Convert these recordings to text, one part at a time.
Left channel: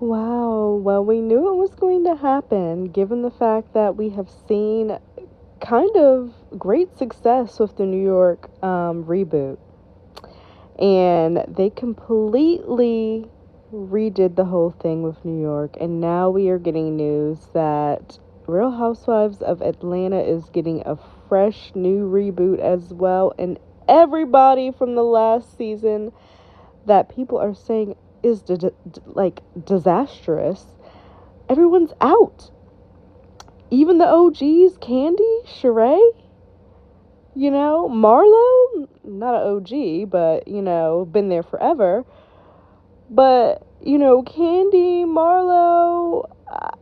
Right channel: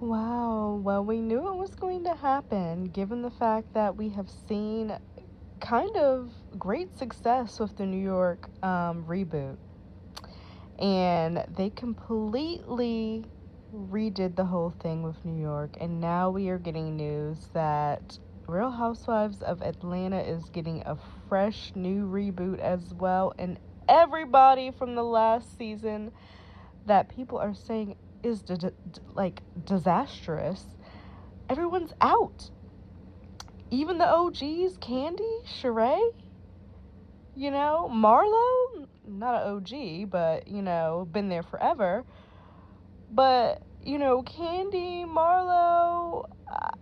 Wow, well, we knew it was going to happen given the fact that we have seen kind of great success with the New York reboot. And they completely redid the whole thing with New York. And now we are getting news that Real Housewives of Atlanta is getting a fresh new reboot as well. And everybody from the last season that people are saying is like disastrous, everyone's out. Even the OGs, Candy, Sheree, Marlo, not an OG, but, been there forever. But, Candy, Marlo,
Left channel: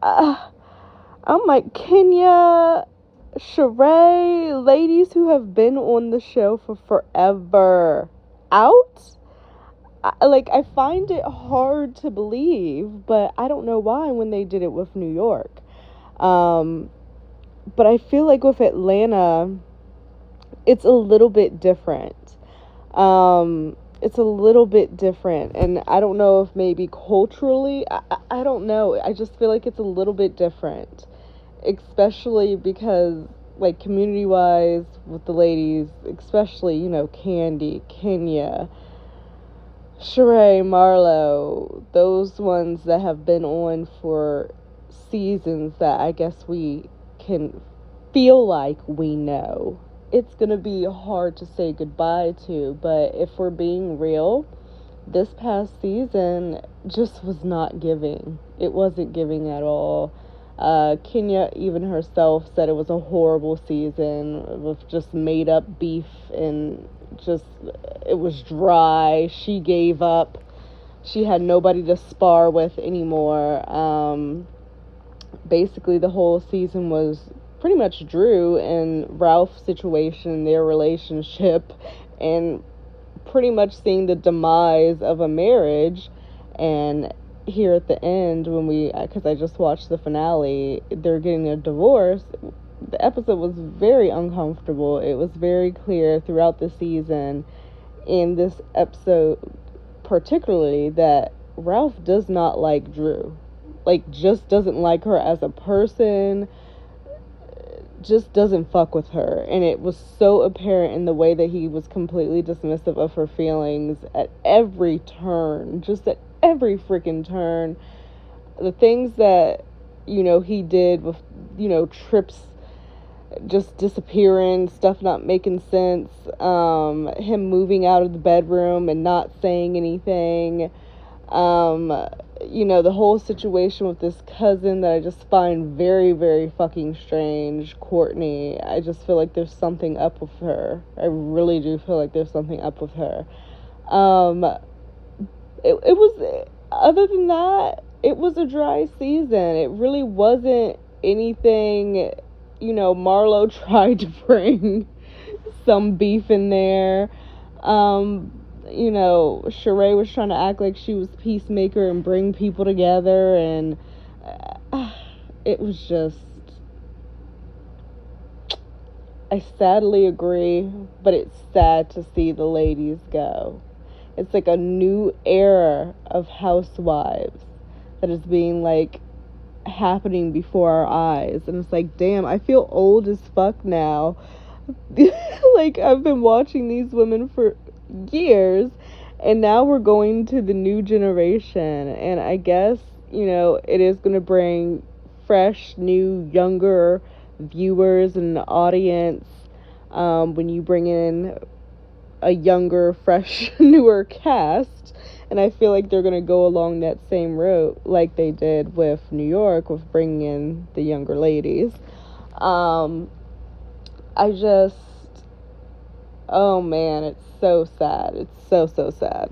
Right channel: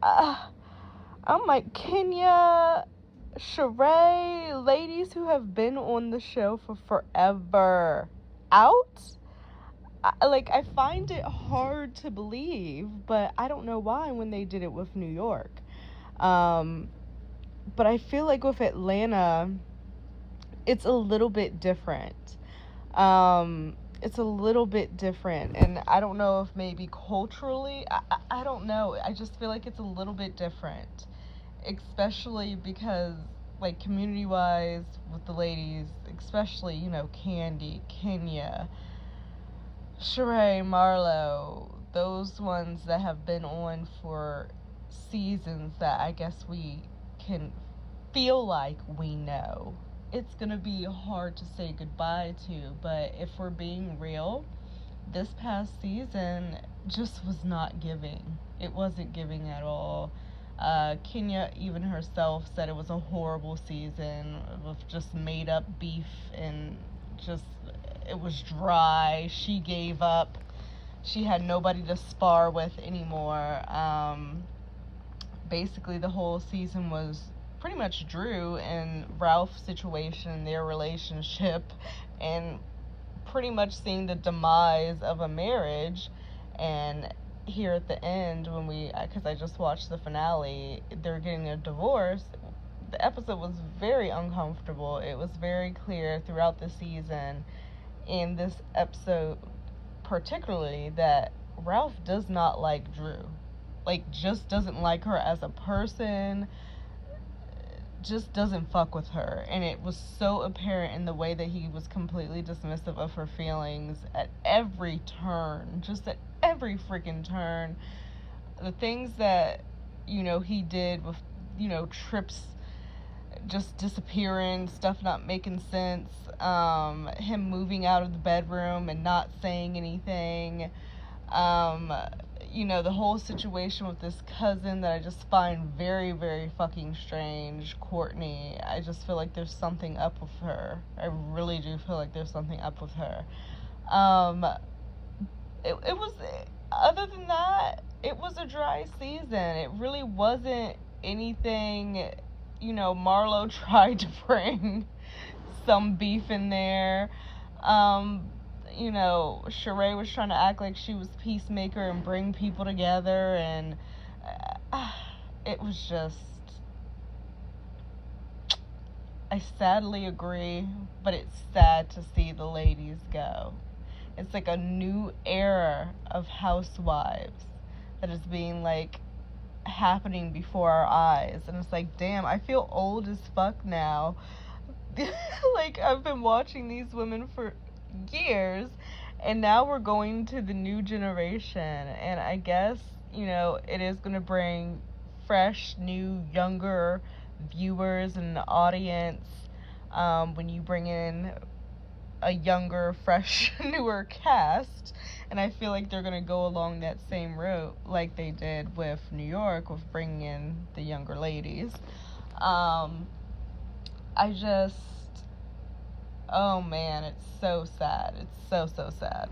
I'm like, Kenya, Sheree, ladies who have been on the show for forever, out? I find it hard to believe, but I don't know why when they did it with New York. Um, but I feel like with Atlanta, it's a little bit different. It's a little bit different, and I don't know if maybe culturally, I don't know. I just feel like it's a little bit different, especially because, like, community wise, with the ladies, especially, Candy, Kenya, Sheree, Marlo, those ones that have been on for seasons that I guess we can feel like we know. It's gonna be hard to say goodbye to, but if we're being real, this past season just was not giving. It wasn't giving at all. Kenya, even herself, said it was a horrible season with just made up beef and just, it was dry. She gave up. She had nobody to spar with anymore. Basically, the whole season was pretty much Drew and Ralph's situation, their relationship, and pretty much seeing the demise of a marriage. And here at the end, when because I just watched the finale, they're getting a divorce. The episode was very uncomfortable. It was very clear throughout the season, in this episode particularly, that Ralph does not like Drew. Like, just doesn't like her as a person, just doesn't fuck with her. And it was so apparent in the way that he was completely dismissive of her feelings at every turn, just at every freaking turn. The things that, he did with, trips just disappearing, stuff not making sense, him moving out of the bedroom and not saying anything, the whole situation with this cousin that I just find very, very fucking strange, Courtney. I just feel like there's something up with her. I really do feel like there's something up with her. Um, it was, other than that, it was a dry season. It really wasn't anything. Marlo tried to bring some beef in there. Sheree was trying to act like she was peacemaker and bring people together, and it was just, I sadly agree, but it's sad to see the ladies go. It's like a new era of housewives that is being, like, happening before our eyes, and it's like, damn, I feel old as fuck now. Like, I've been watching these women for years, and now we're going to the new generation, and I guess, it is going to bring fresh, new, younger viewers and audience, when you bring in a younger, fresh, newer cast. And I feel like they're going to go along that same route like they did with New York, with bringing in the younger ladies. I just, oh man, it's so sad. It's so, so sad.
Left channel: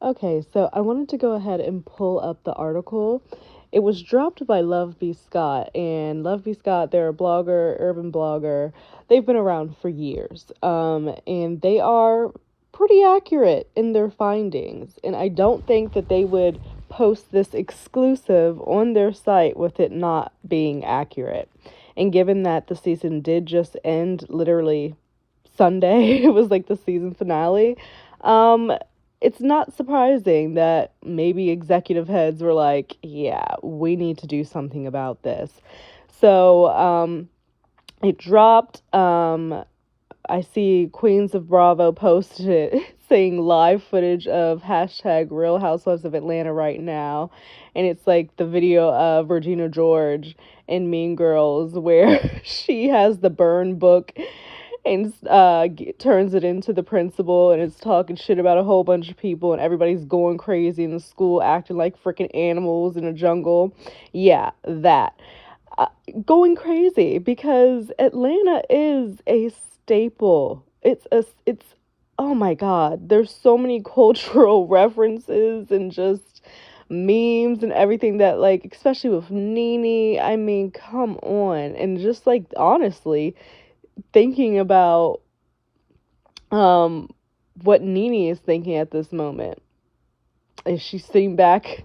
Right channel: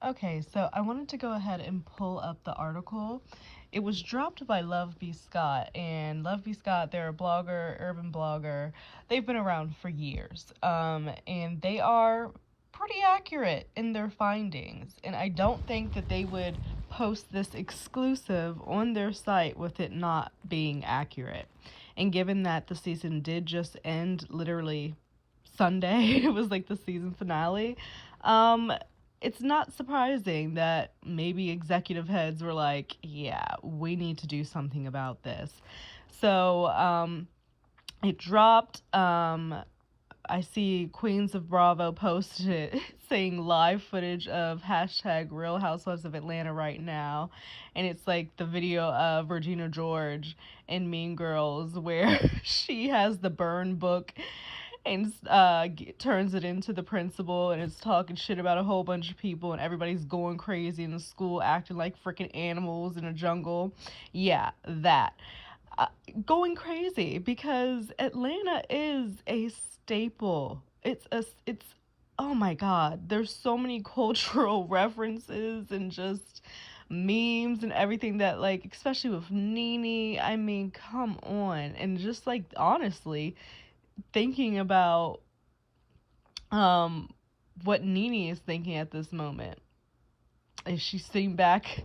Okay, so I wanted to go ahead and pull up the article. It was dropped by Love B. Scott, and Love B. Scott, they're a blogger, urban blogger. They've been around for years, and they are pretty accurate in their findings. And I don't think that they would post this exclusive on their site with it not being accurate. And given that the season did just end literally Sunday, it was like the season finale. Um, it's not surprising that maybe executive heads were like, yeah, we need to do something about this. So it dropped. I see Queens of Bravo posted it saying live footage of hashtag Real Housewives of Atlanta right now. And it's like the video of Regina George in Mean Girls where she has the burn book and turns it into the principal and is talking shit about a whole bunch of people and everybody's going crazy in the school acting like freaking animals in a jungle. Yeah, that. Uh, Going crazy because Atlanta is a staple. It's oh my god, there's so many cultural references and just memes and everything that, like, especially with Nene, I mean, come on. And just like honestly thinking about um what Nene is thinking at this moment. Is she sitting back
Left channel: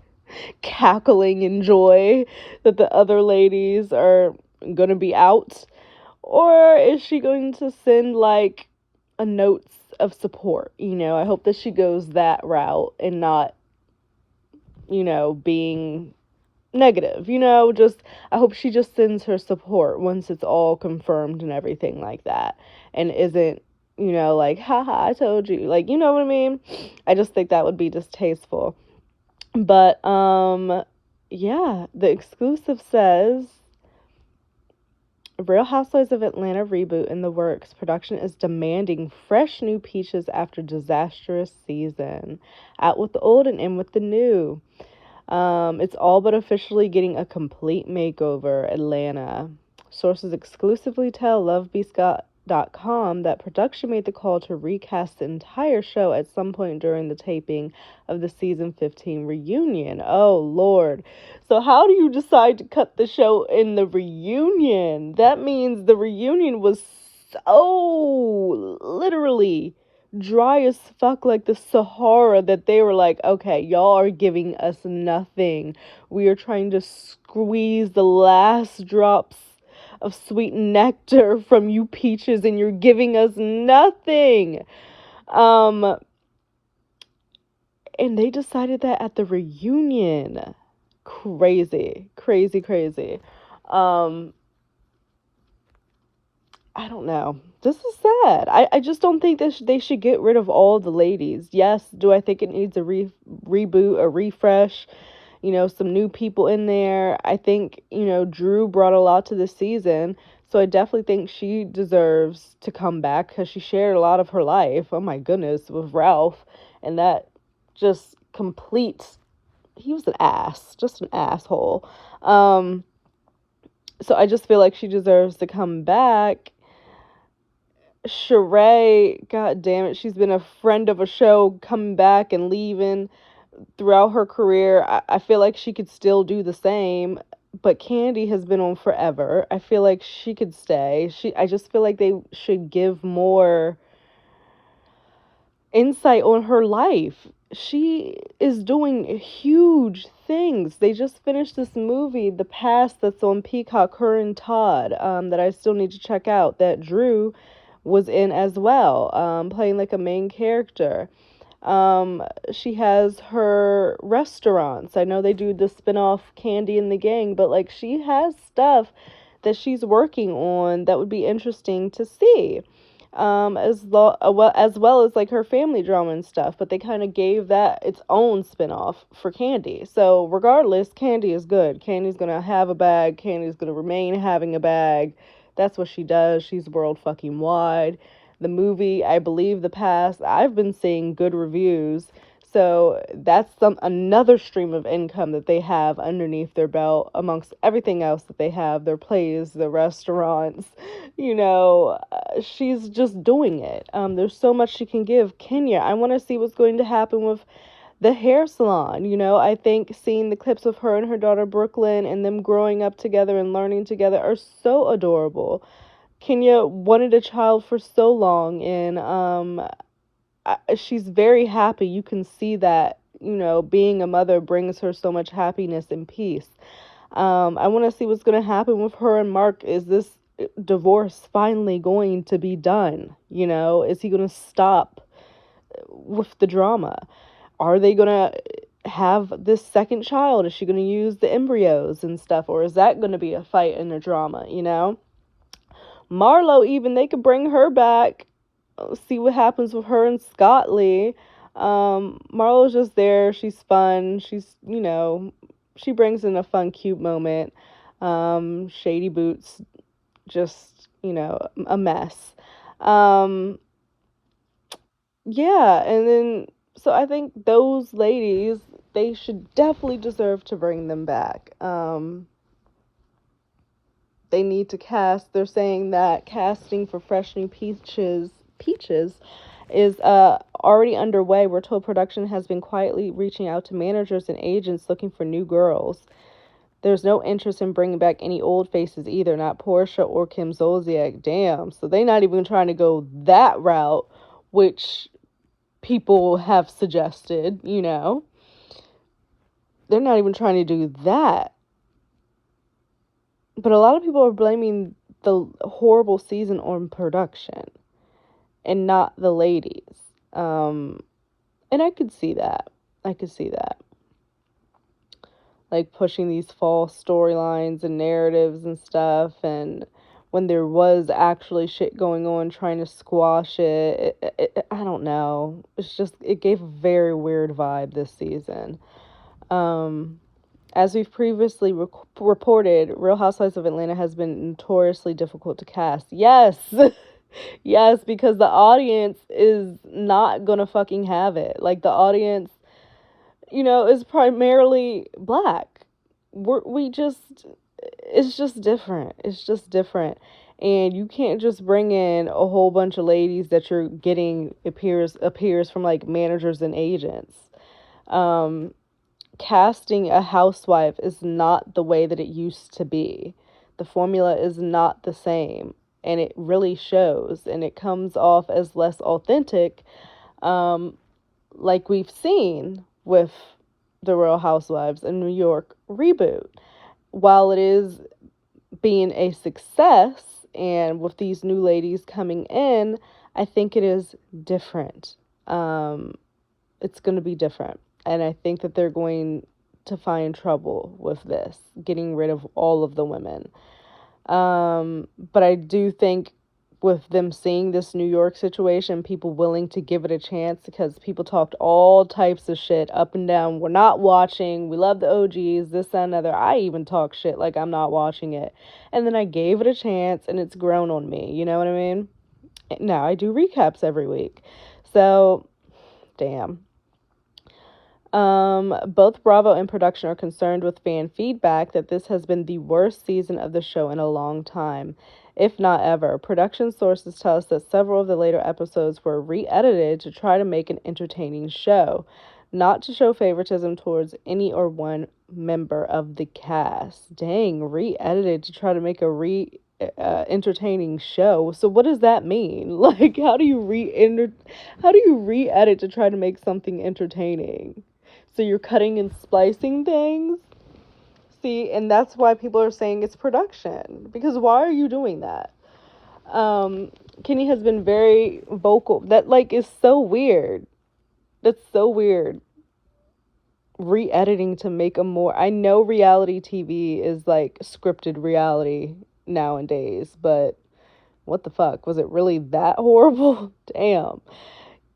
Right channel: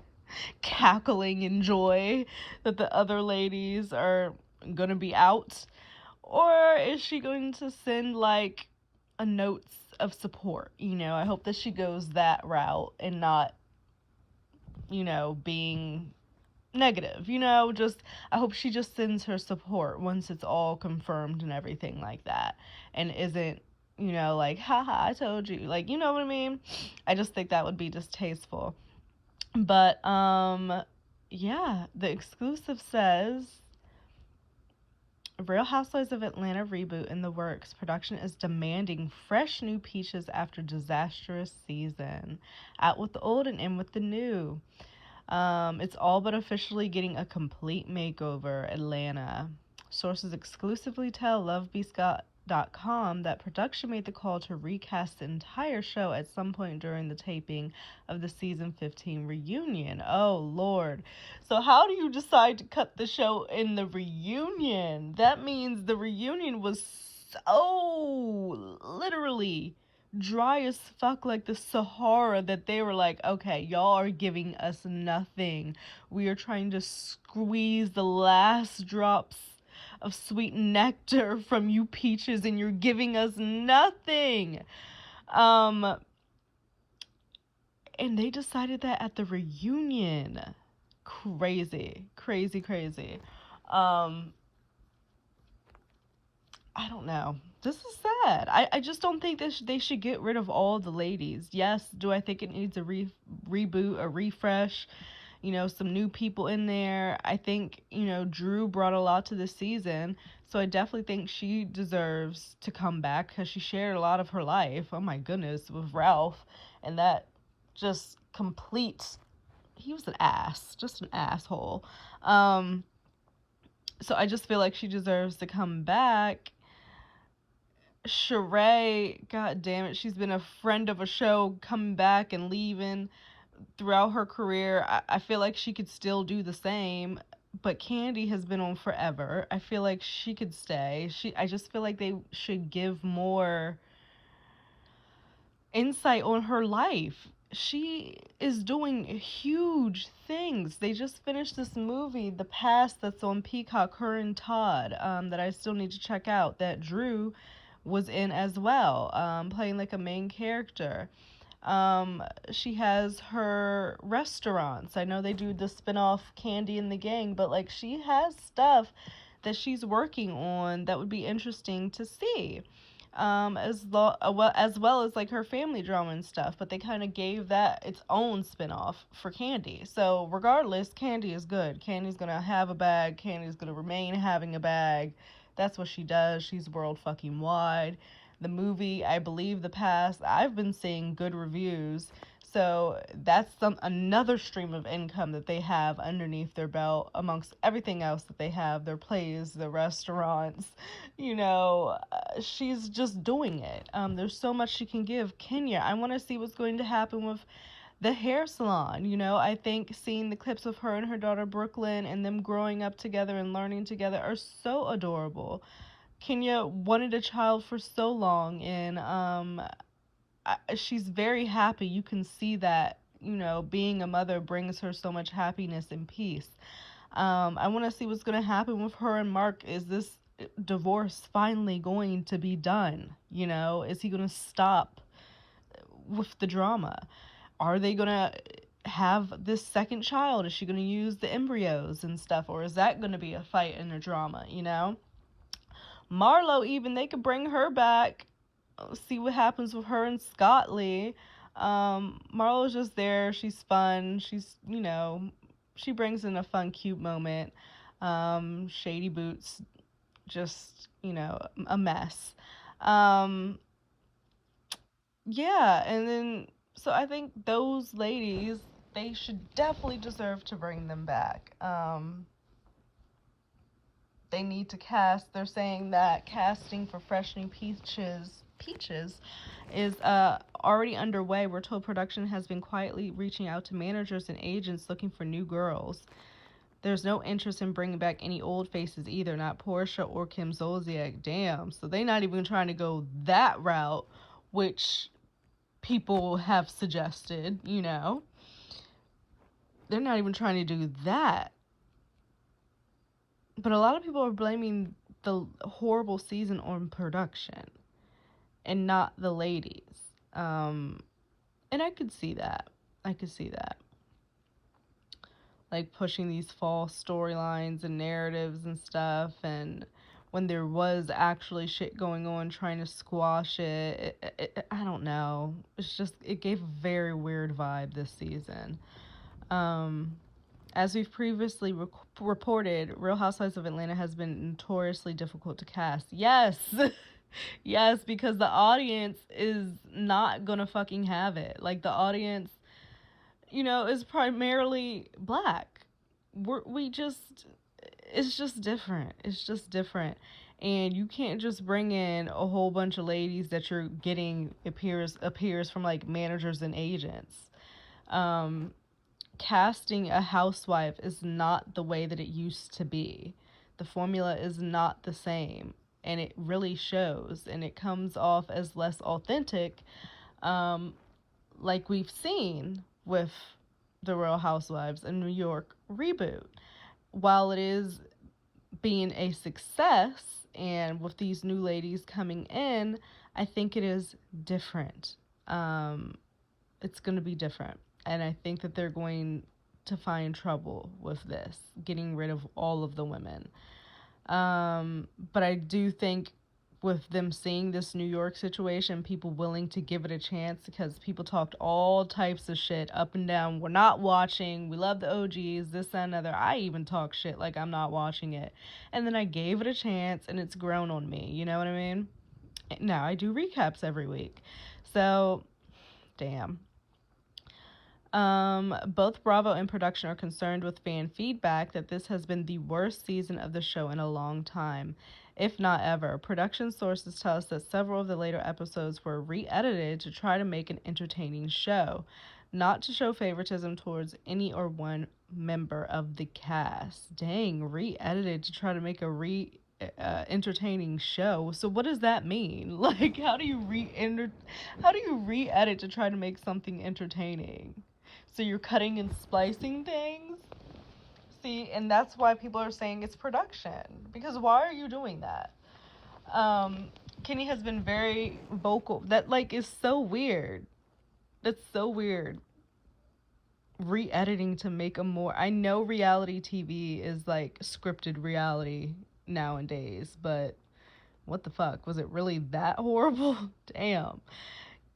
cackling in joy that the other ladies are gonna be out? Or is she going to send like a notes of support? I hope that she goes that route and not, being negative. Just I hope she just sends her support once it's all confirmed and everything like that, and isn't, like, haha, I told you, like, you know what I mean? I just think that would be distasteful. But yeah, the exclusive says Real Housewives of Atlanta reboot in the works. Production is demanding fresh new peaches after disastrous season. Out with the old and in with the new. It's all but officially getting a complete makeover, Atlanta. Sources exclusively tell LoveBeScott.com that production made the call to recast the entire show at some point during the taping of the season 15 reunion. Oh, Lord. So how do you decide to cut the show in the reunion? That means the reunion was so literally dry as fuck, like the Sahara, that they were like, okay, y'all are giving us nothing. We are trying to squeeze the last drops of sweet nectar from you peaches and you're giving us nothing. And they decided that at the reunion. Crazy, crazy, crazy. I don't know. This is sad. I just don't think they should get rid of all the ladies. Yes, do I think it needs a reboot, a refresh, some new people in there? I think, Drew brought a lot to this season, so I definitely think she deserves to come back because she shared a lot of her life, oh my goodness, with Ralph, and that just complete, he was an ass, just an asshole. So I just feel like she deserves to come back. Sheree, god damn it, she's been a friend of a show, coming back and leaving throughout her career. I feel like she could still do the same, but Candy has been on forever. I feel like she could stay. I just feel like they should give more insight on her life. She is doing huge things. They just finished this movie, The Past, that's on Peacock, her and Todd, that I still need to check out, that Drew was in as well, playing like a main character. She has her restaurants. I know they do the spin-off Candy and the Gang, but like she has stuff that she's working on that would be interesting to see. As well as like her family drama and stuff, but they kind of gave that its own spin-off for Candy. So regardless, Candy is good. Candy's gonna have a bag. Candy's gonna remain having a bag. That's what she does. She's world fucking wide. The movie, I believe, The Past, I've been seeing good reviews. So that's another stream of income that they have underneath their belt amongst everything else that they have, their plays, the restaurants. She's just doing it. There's so much she can give. Kenya, I want to see what's going to happen with the hair salon. I think seeing the clips of her and her daughter Brooklyn and them growing up together and learning together are so adorable. Kenya wanted a child for so long, and she's very happy. You can see that, being a mother brings her so much happiness and peace. I want to see what's going to happen with her and Mark. Is this divorce finally going to be done? Is he going to stop with the drama. Are they gonna have this second child? Is she gonna use the embryos and stuff, or is that gonna be a fight and a drama? Marlo, even they could bring her back, see what happens with her and Scott Lee. Marlo's just there. She's fun. She brings in a fun, cute moment. Shady Boots, just, a mess. Um, yeah, and then, so I think those ladies, they should definitely deserve to bring them back. They need to cast. They're saying that casting for Fresh New Peaches is already underway. We're told production has been quietly reaching out to managers and agents looking for new girls. There's no interest in bringing back any old faces either, not Portia or Kim Zolciak. Damn, so they're not even trying to go that route, which people have suggested. They're not even trying to do that. But a lot of people are blaming the horrible season on production and not the ladies. And I could see that. Like pushing these false storylines and narratives and stuff, and when there was actually shit going on, trying to squash I don't know. It gave a very weird vibe this season. As we've previously reported, Real Housewives of Atlanta has been notoriously difficult to cast. Yes! Yes, because the audience is not gonna fucking have it. Like, the audience, is primarily black. It's just different. It's just different. And you can't just bring in a whole bunch of ladies that you're getting appears from, like, managers and agents. Casting a housewife is not the way that it used to be. The formula is not the same, and it really shows, and it comes off as less authentic, like we've seen with the Real Housewives in New York reboot. While it is being a success, and with these new ladies coming in, I think it is different. It's going to be different. And I think that they're going to find trouble with this, getting rid of all of the women. But I do think with them seeing this New York situation, people willing to give it a chance, because people talked all types of shit up and down. We're not watching. We love the OGs, this, that, and other. I even talk shit like I'm not watching it. And then I gave it a chance, and it's grown on me. You know what I mean? Now I do recaps every week. So, damn. Both Bravo and production are concerned with fan feedback that this has been the worst season of the show in a long time, if not ever. Production sources tell us that several of the later episodes were re-edited to try to make an entertaining show, not to show favoritism towards any or one member of the cast. Dang, re-edited to try to make a entertaining show. So what does that mean? Like, how do you re-edit to try to make something entertaining? So you're cutting and splicing things? See, and that's why people are saying it's production. Because why are you doing that? Kenny has been very vocal. That, like, is so weird. That's so weird. Re-editing to make a more... I know reality TV is, like, scripted reality nowadays, but what the fuck? Was it really that horrible? Damn.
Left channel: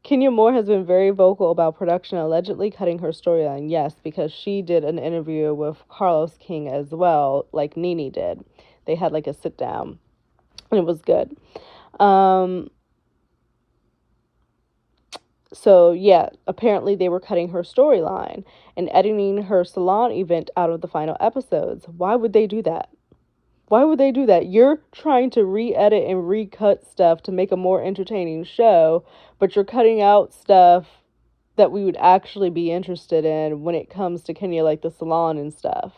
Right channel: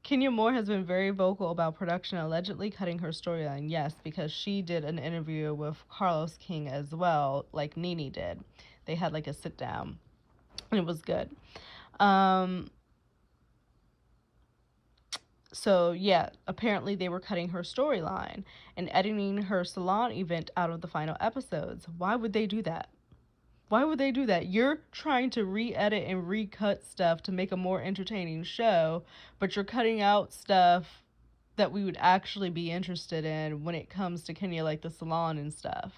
Kenya Moore has been very vocal about production allegedly cutting her storyline. Yes, because she did an interview with Carlos King as well, like Nene did. They had like a sit down, and it was good. So yeah, apparently they were cutting her storyline and editing her salon event out of the final episodes. Why would they do that? Why would they do that? You're trying to re-edit and recut stuff to make a more entertaining show, but you're cutting out stuff that we would actually be interested in when it comes to Kenya, like the salon and stuff.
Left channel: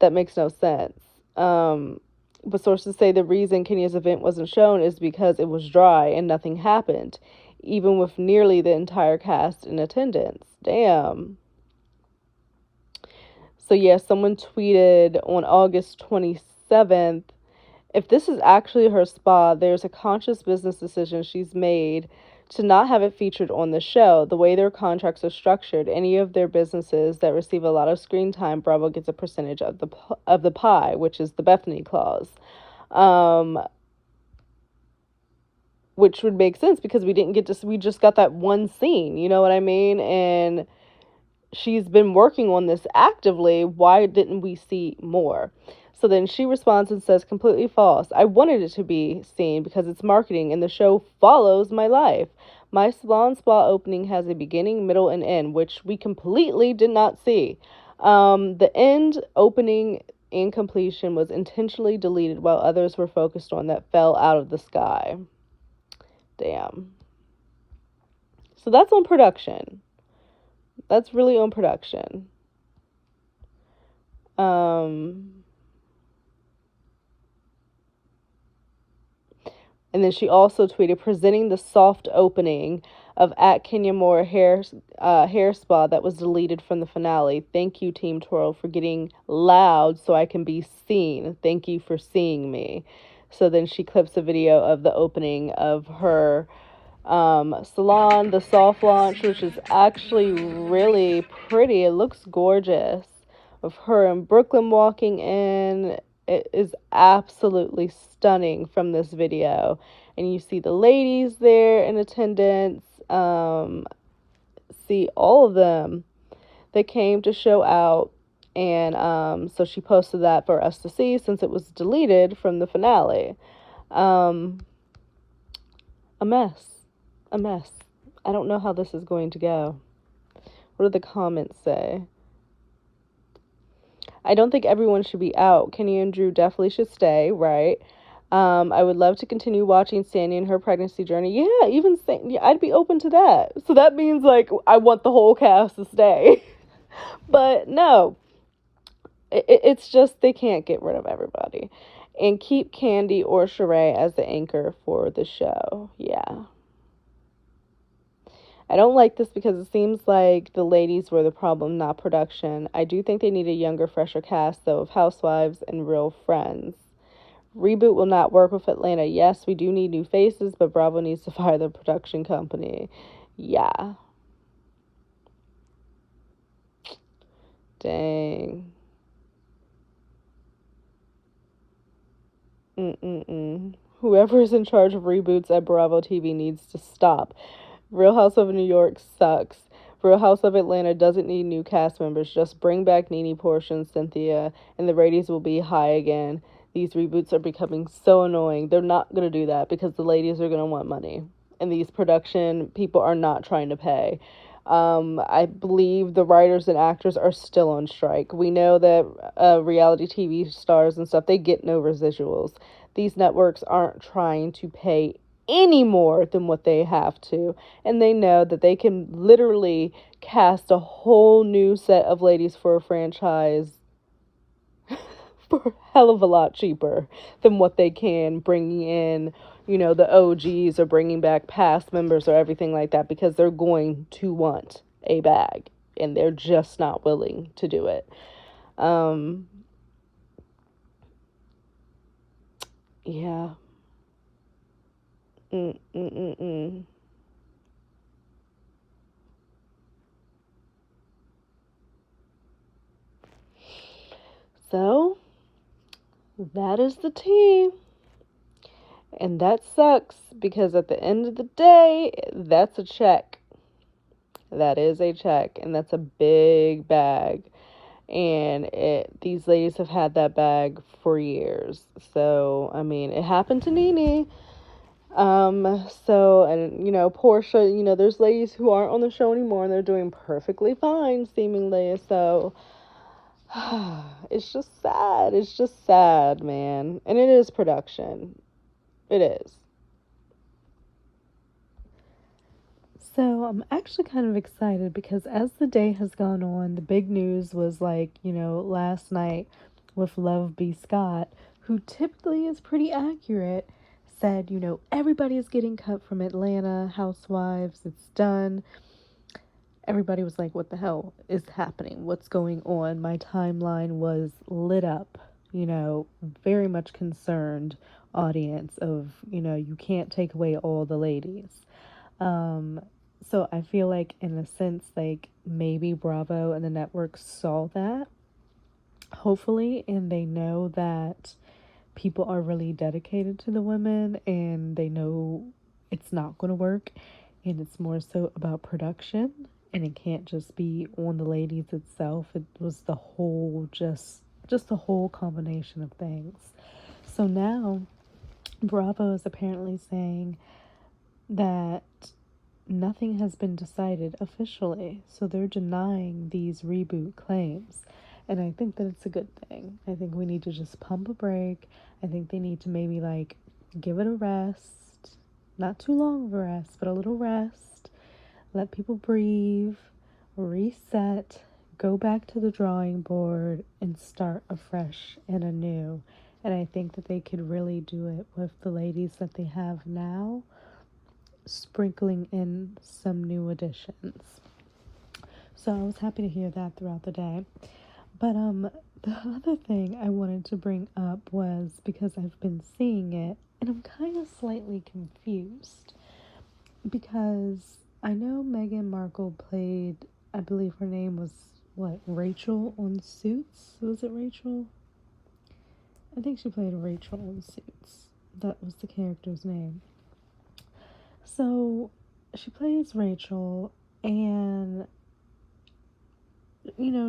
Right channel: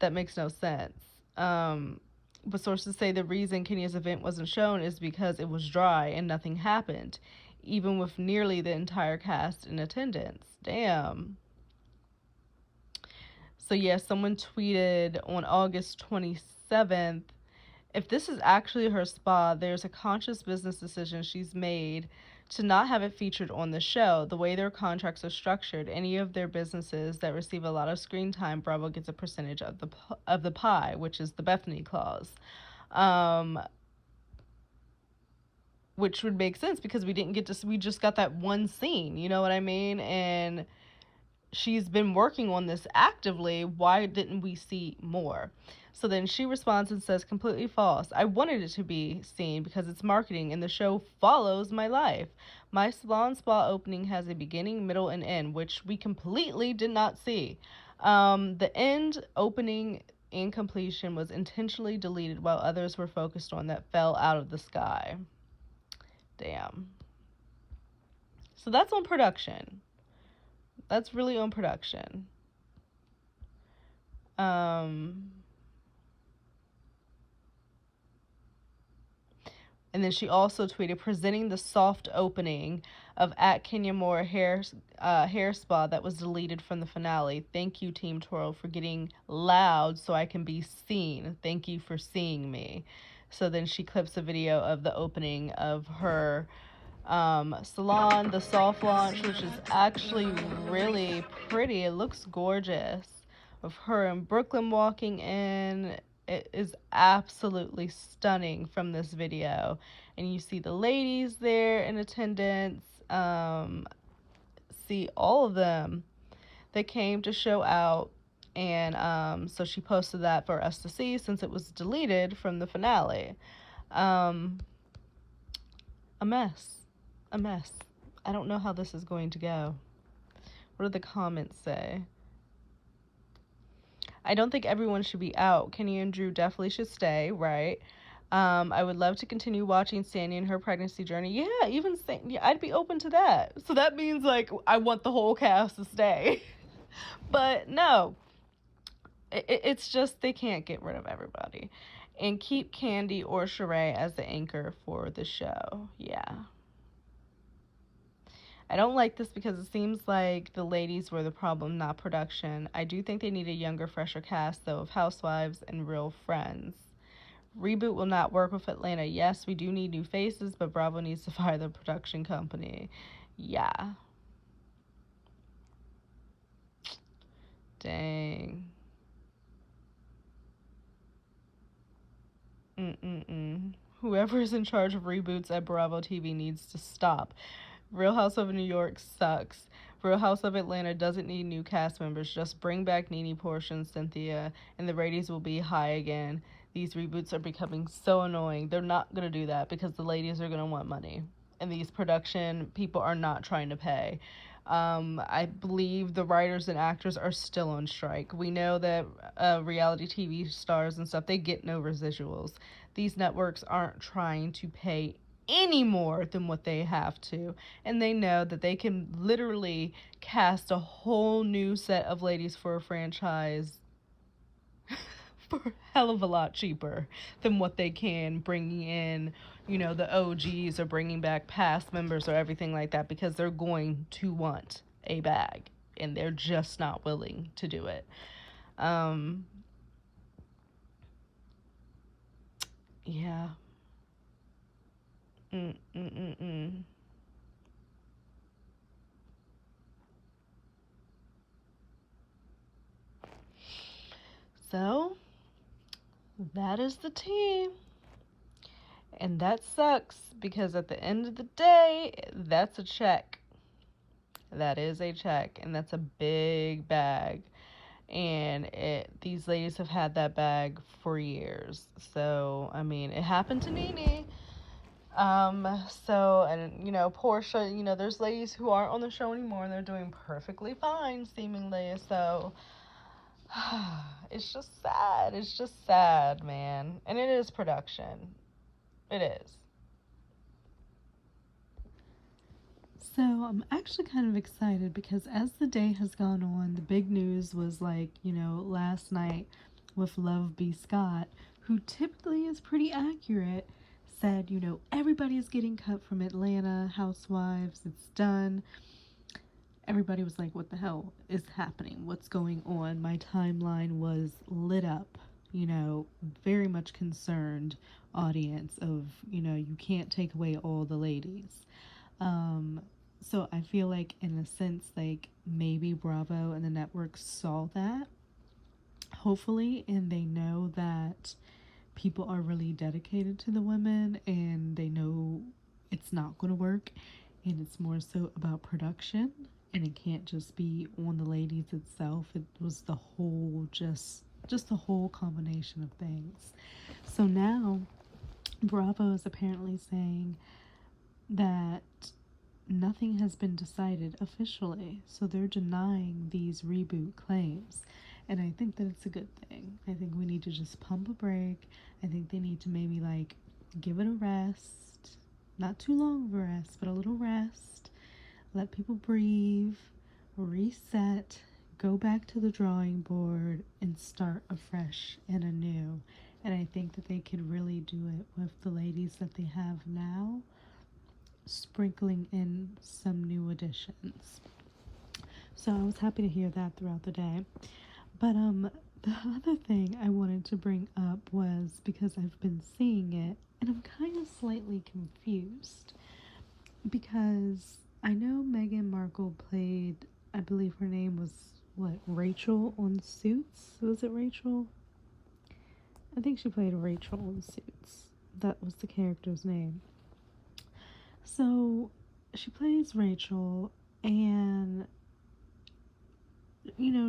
That makes no sense. But sources say the reason Kenya's event wasn't shown is because it was dry and nothing happened, even with nearly the entire cast in attendance. Damn. So yeah, someone tweeted on August 27th, if this is actually her spa, there's a conscious business decision she's made to not have it featured on the show. The way their contracts are structured, any of their businesses that receive a lot of screen time, Bravo gets a percentage of the pie, which is the Bethany clause. Which would make sense because we just got that one scene, you know what I mean? And she's been working on this actively. Why didn't we see more? So then she responds and says, completely false. I wanted it to be seen because it's marketing and the show follows my life. My salon spa opening has a beginning, middle, and end, which we completely did not see. The end opening and completion was intentionally deleted while others were focused on that fell out of the sky. Damn. So that's on production. That's really on production. And then she also tweeted, presenting the soft opening of at Kenya Moore hair spa that was deleted from the finale. Thank you, Team Twirl, for getting loud so I can be seen. Thank you for seeing me. So then she clips a video of the opening of her salon, the soft launch, which is actually really pretty. It looks gorgeous. Of her in Brooklyn walking in. It is absolutely stunning from this video. And you see the ladies there in attendance. See all of them that came to show out. And so she posted that for us to see since it was deleted from the finale. A mess. A mess. I don't know how this is going to go. What do the comments say? I don't think everyone should be out. Kenny and Drew definitely should stay, right? I would love to continue watching Sandy and her pregnancy journey. Yeah, even yeah, I'd be open to that. So that means, like, I want the whole cast to stay. But no. It's just they can't get rid of everybody. And keep Candy or Sheree as the anchor for the show. Yeah. I don't like this because it seems like the ladies were the problem, not production. I do think they need a younger, fresher cast, though, of housewives and real friends. Reboot will not work with Atlanta. Yes, we do need new faces, but Bravo needs to fire the production company. Yeah. Dang. Whoever's in charge of reboots at Bravo TV needs to stop. Real House of New York sucks. Real House of Atlanta doesn't need new cast members. Just bring back Nene, Portia, and Cynthia, and the ratings will be high again. These reboots are becoming so annoying. They're not going to do that because the ladies are going to want money. And these production people are not trying to pay. I believe the writers and actors are still on strike. We know that reality TV stars and stuff, they get no residuals. These networks aren't trying to pay any more than what they have to, and they know that they can literally cast a whole new set of ladies for a franchise for a hell of a lot cheaper than what they can bringing in, you know, the OGs or bringing back past members or everything like that, because they're going to want a bag and they're just not willing to do it. Yeah. So that is the tea. And that sucks because at the end of the day, that's a check. That is a check, and that's a big bag. And these ladies have had that bag for years. So, I mean, it happened to Nene. So, and, you know, Portia, you know, there's ladies who aren't on the show anymore and they're doing perfectly fine, seemingly. So, it's just sad. It's just sad, man. And it is production. It is. So I'm actually kind of excited because as the day has gone on, the big news was like, you know, last night with Love B. Scott, who typically is pretty accurate, said, you know, everybody is getting cut from Atlanta Housewives. It's done. Everybody was like, what the hell is happening? What's going on? My timeline was lit up, you know, very much concerned audience of, you know, you can't take away all the ladies. Um, so I feel like, in a sense, like maybe Bravo and the network saw that, hopefully, and they know that people are really dedicated to the women and they know it's not going to work, and it's more so about production, and it can't just be on the ladies itself. It was the whole, just the whole combination of things. So now Bravo is apparently saying that nothing has been decided officially, so they're denying these reboot claims. And I think that it's a good thing. I think we need to just pump a break. I think they need to maybe like give it a rest. Not too long of a rest, but a little rest. Let people breathe, reset, go back to the drawing board, and start afresh and anew. And I think that they could really do it with the ladies that they have now, sprinkling in some new additions. So I was happy to hear that throughout the day. But the other thing I wanted to bring up was, because I've been seeing it and I'm kind of slightly confused, because I know Meghan Markle played, I believe her name was what, Rachel on Suits? Was it Rachel? I think she played Rachel on Suits. That was the character's name. So she plays Rachel, and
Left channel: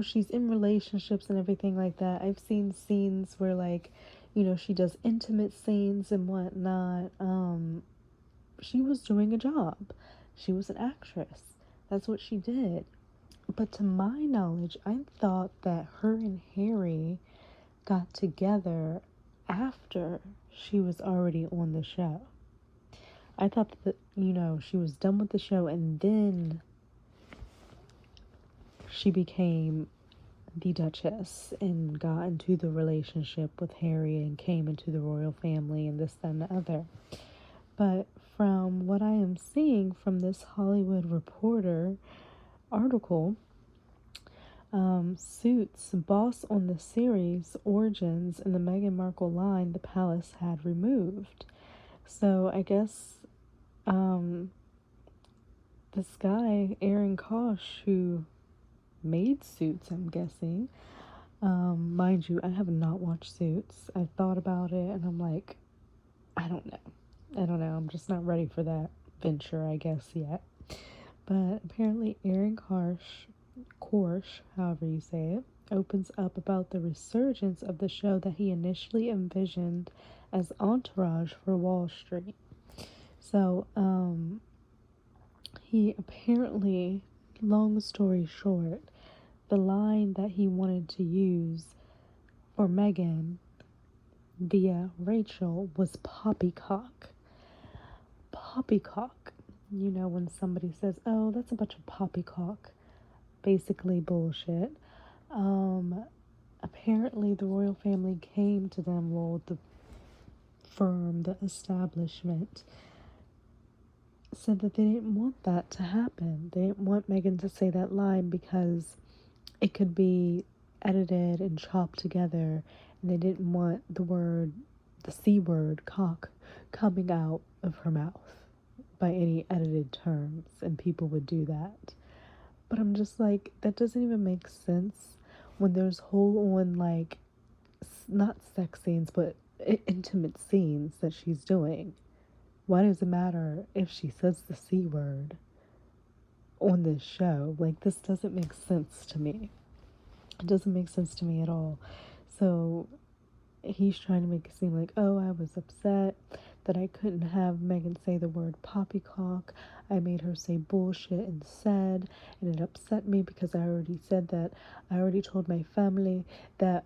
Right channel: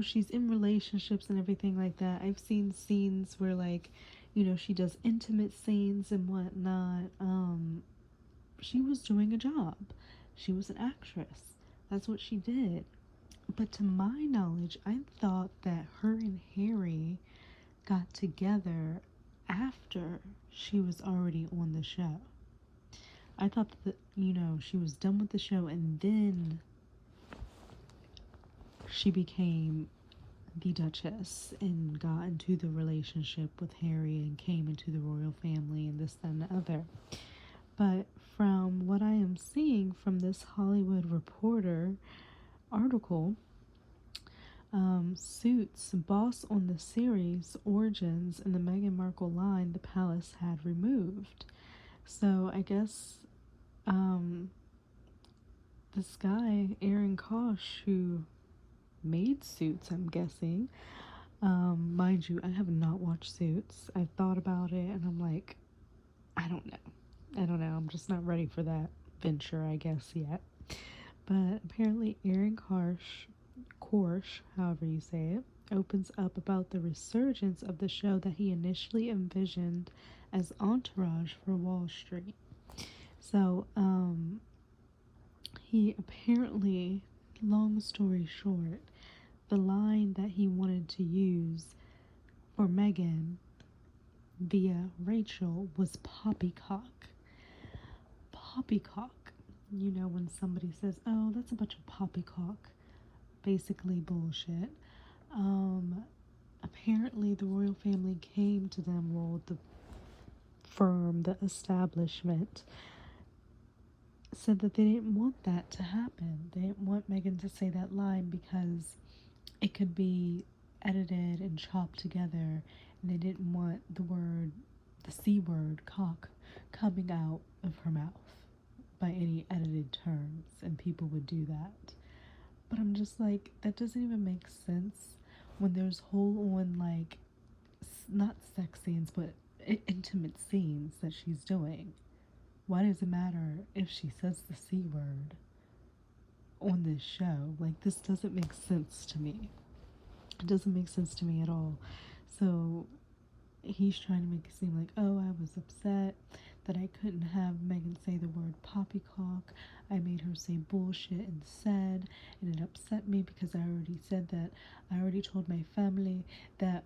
she's in relationships and everything like that. I've seen scenes where, like, she does intimate scenes and whatnot. She was doing a job. She was an actress. That's what she did. But to my knowledge, I thought that her and Harry got together after she was already on the show. I thought that, she was done with the show and then she became the Duchess and got into the relationship with Harry and came into the royal family and this, that, and the other. But from what I am seeing from this Hollywood Reporter article, Suits, boss on the series Origins in the Meghan Markle line, the palace had removed. So I guess this guy, Aaron Kosh, who made Suits, I'm guessing, mind you, I have not watched Suits. I've thought about it and I'm like, I don't know. I'm just not ready for that venture, I guess, yet. But apparently Aaron Korsh, however you say it, opens up about the resurgence of the show that he initially envisioned as Entourage for Wall Street. So, he apparently, long story short, the line that he wanted to use for Meghan via Rachel was poppycock. Poppycock. When somebody says, oh, that's a bunch of poppycock, basically bullshit. Apparently the royal family came to them, well, the firm, the establishment, said that they didn't want that to happen. They didn't want Meghan to say that line because it could be edited and chopped together, and they didn't want the C word, cock, coming out of her mouth by any edited terms, and people would do that. But I'm just like, that doesn't even make sense when there's whole on, like, not sex scenes, but intimate scenes that she's doing. Why does it matter if she says the C word on this show? Like, this doesn't make sense to me. It doesn't make sense to me at all. So he's trying to make it seem like, oh, I was upset that I couldn't have Meghan say the word poppycock. I made her say bullshit instead, and it upset me because I already said that. I already told my family that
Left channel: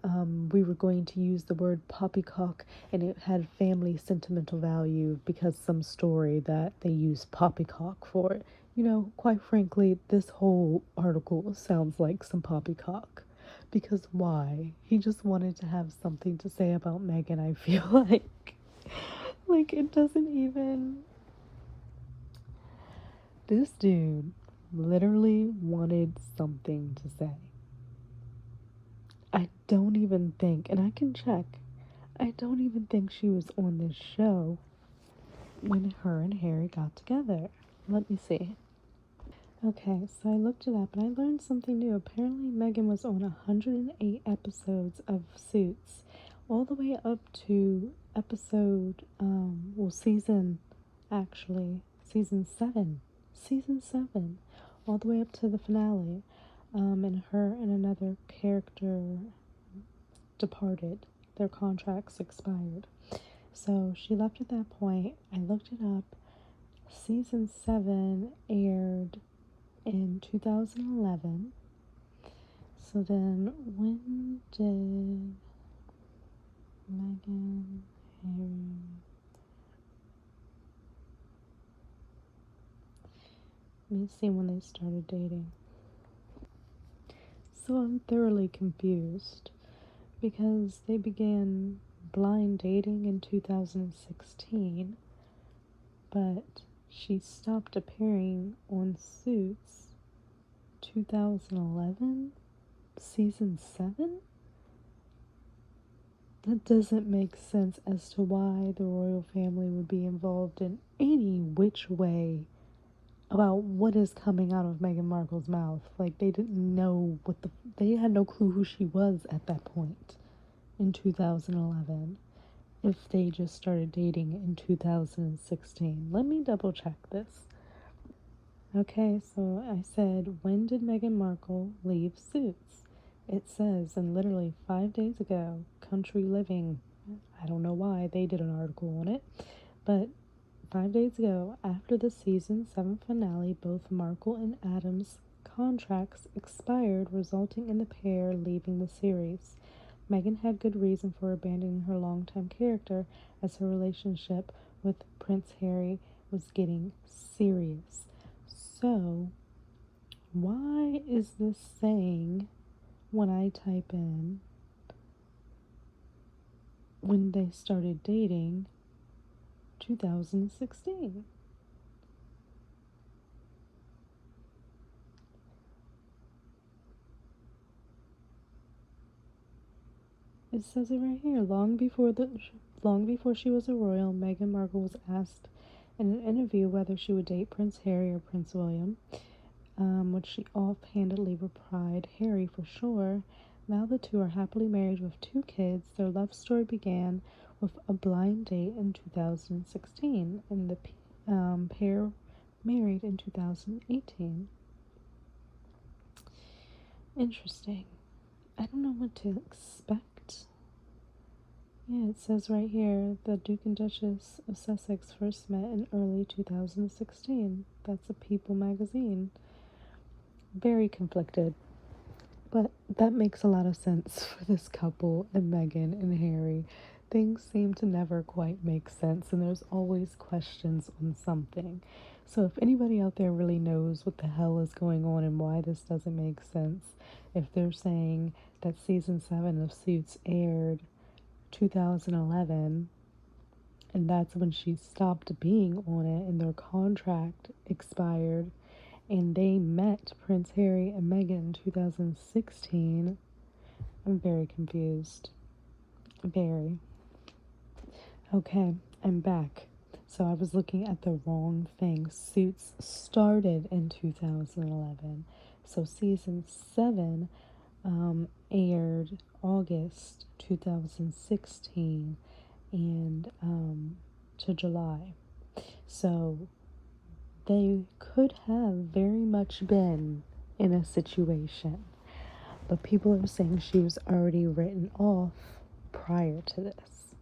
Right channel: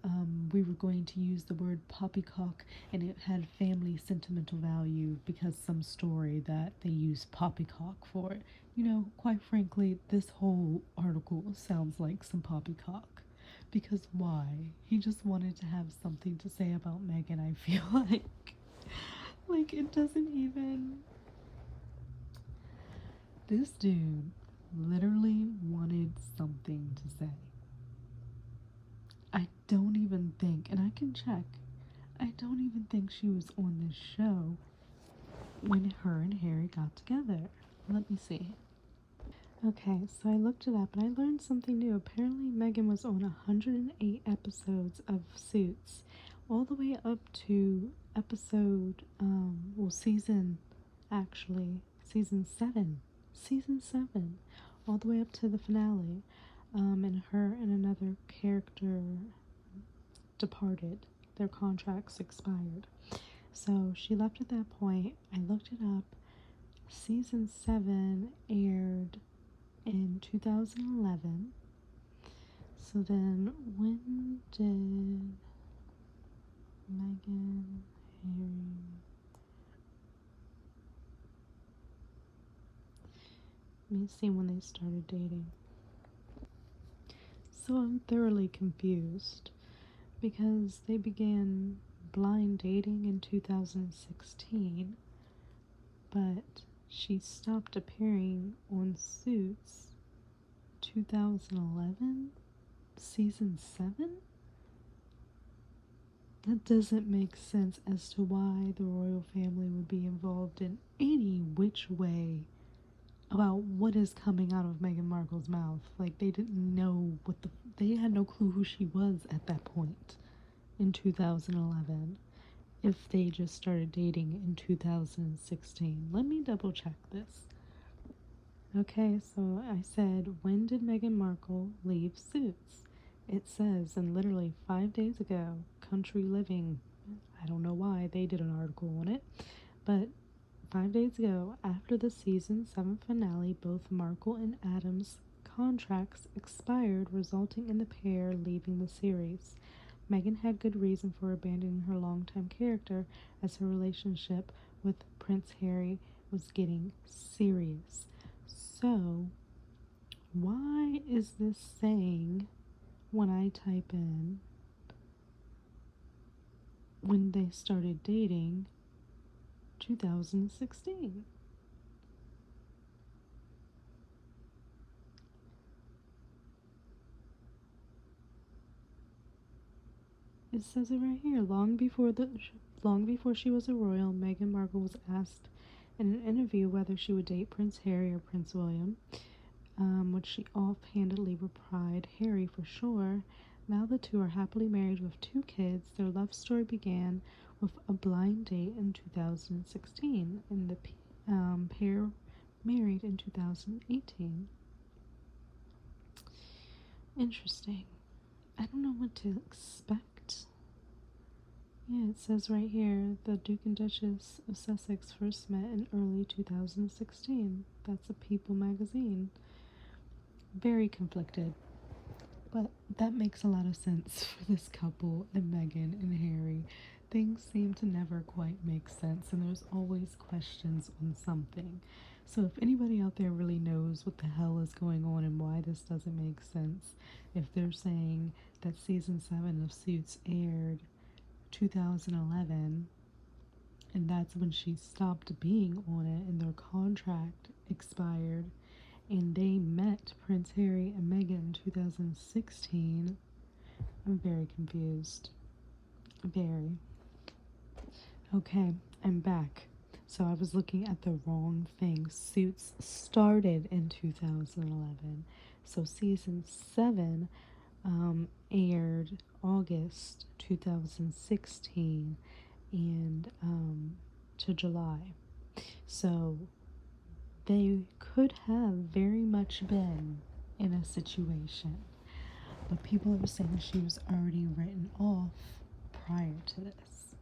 we were going to use the word poppycock, and it had family sentimental value because some story that they used poppycock for it. Quite frankly, this whole article sounds like some poppycock. Because why? He just wanted to have something to say about Meghan, I feel like. Like, it doesn't even... This dude literally wanted something to say. I don't even think, and I can check, I don't even think she was on this show when her and Harry got together. Let me see. Okay, so I looked it up and I learned something new. Apparently, Megan was on 108 episodes of Suits, all the way up to season, actually, season 7. Season 7. All the way up to the finale. And her and another character departed. Their contracts expired. So she left at that point. I looked it up. Season 7 aired in 2011. So then, when did Meghan, Harry... Let me see when they started dating. So I'm thoroughly confused because they began blind dating in 2016, but she stopped appearing on Suits 2011, season 7? That doesn't make sense as to why the royal family would be involved in any which way about what is coming out of Meghan Markle's mouth. Like, they didn't know they had no clue who she was at that point in 2011 if they just started dating in 2016. Let me double check this. Okay, so I said, when did Meghan Markle leave Suits? It says, and literally 5 days ago, Country Living. I don't know why they did an article on it, but 5 days ago, after the season 7 finale, both Markle and Adams' contracts expired, resulting in the pair leaving the series. Meghan had good reason for abandoning her longtime character, as her relationship with Prince Harry was getting serious. So, why is this saying when I type in when they started dating 2016? It says it right here. Long before she was a royal, Meghan Markle was asked in an interview whether she would date Prince Harry or Prince William, which she offhandedly replied, Harry for sure. Now the two are happily married with 2 kids. Their love story began with a blind date in 2016, and the pair married in 2018. Interesting. I don't know what to expect. Yeah, it says right here, the Duke and Duchess of Sussex first met in early 2016. That's a People magazine. Very conflicted. But that makes a lot of sense for this couple and Meghan and Harry. Things seem to never quite make sense, and there's always questions on something. So if anybody out there really knows what the hell is going on and why this doesn't make sense, if they're saying that season 7 of Suits aired 2011 and that's when she stopped being on it and their contract expired, and they met Prince Harry and Meghan in 2016. I'm very confused. Very. Okay, I'm back. So I was looking at the wrong thing. Suits started in 2011. So season 7 aired August 2016 and to July. So they could have very much been in a situation, but people are saying she was already written off prior to this.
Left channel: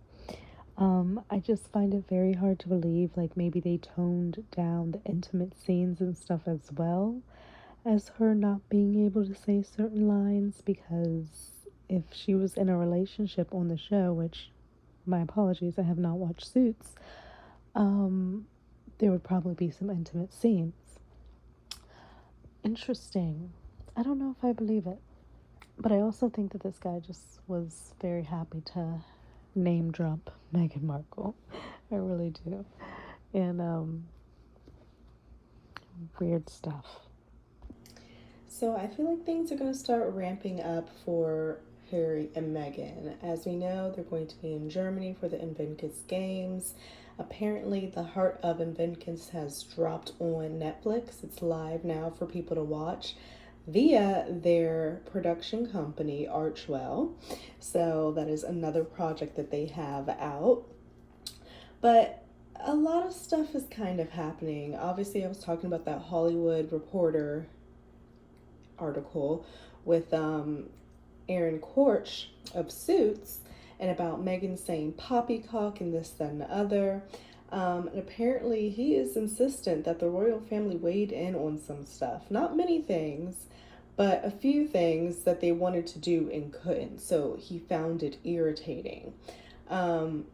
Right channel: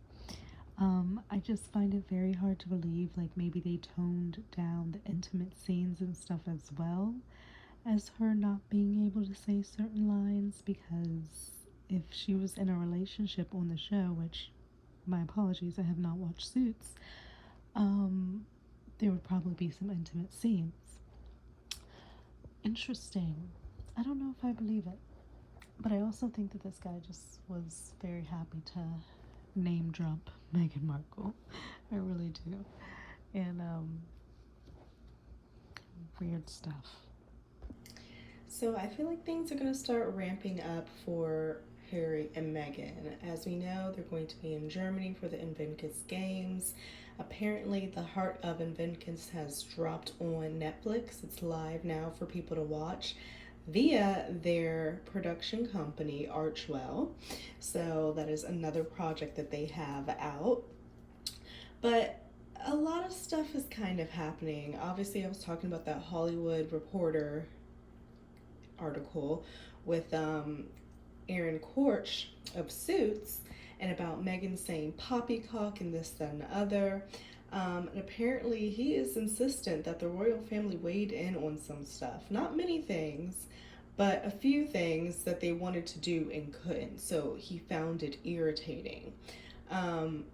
I just find it very hard to believe, like maybe they toned down the intimate scenes and stuff as well as her not being able to say certain lines, because if she was in a relationship on the show, which, my apologies, I have not watched Suits, there would probably be some intimate scenes. Interesting. I don't know if I believe it, but I also think that this guy just was very happy to name drop Meghan Markle. I really do. And weird stuff. So I feel like things are going to start ramping up for Harry and Meghan. As we know, they're going to be in Germany for the Invictus Games. Apparently, The Heart of Vengeance has dropped on Netflix. It's live now for people to watch via their production company, RHOA. So that is another project that they have out. But a lot of stuff is kind of happening. Obviously, I was talking about that Hollywood Reporter article with Aaron Korch of Suits, and about Meghan saying poppycock and this, that, and the other. And apparently, he is insistent that the royal family weighed in on some stuff. Not many things, but a few things that they wanted to do and couldn't. So he found it irritating. I'm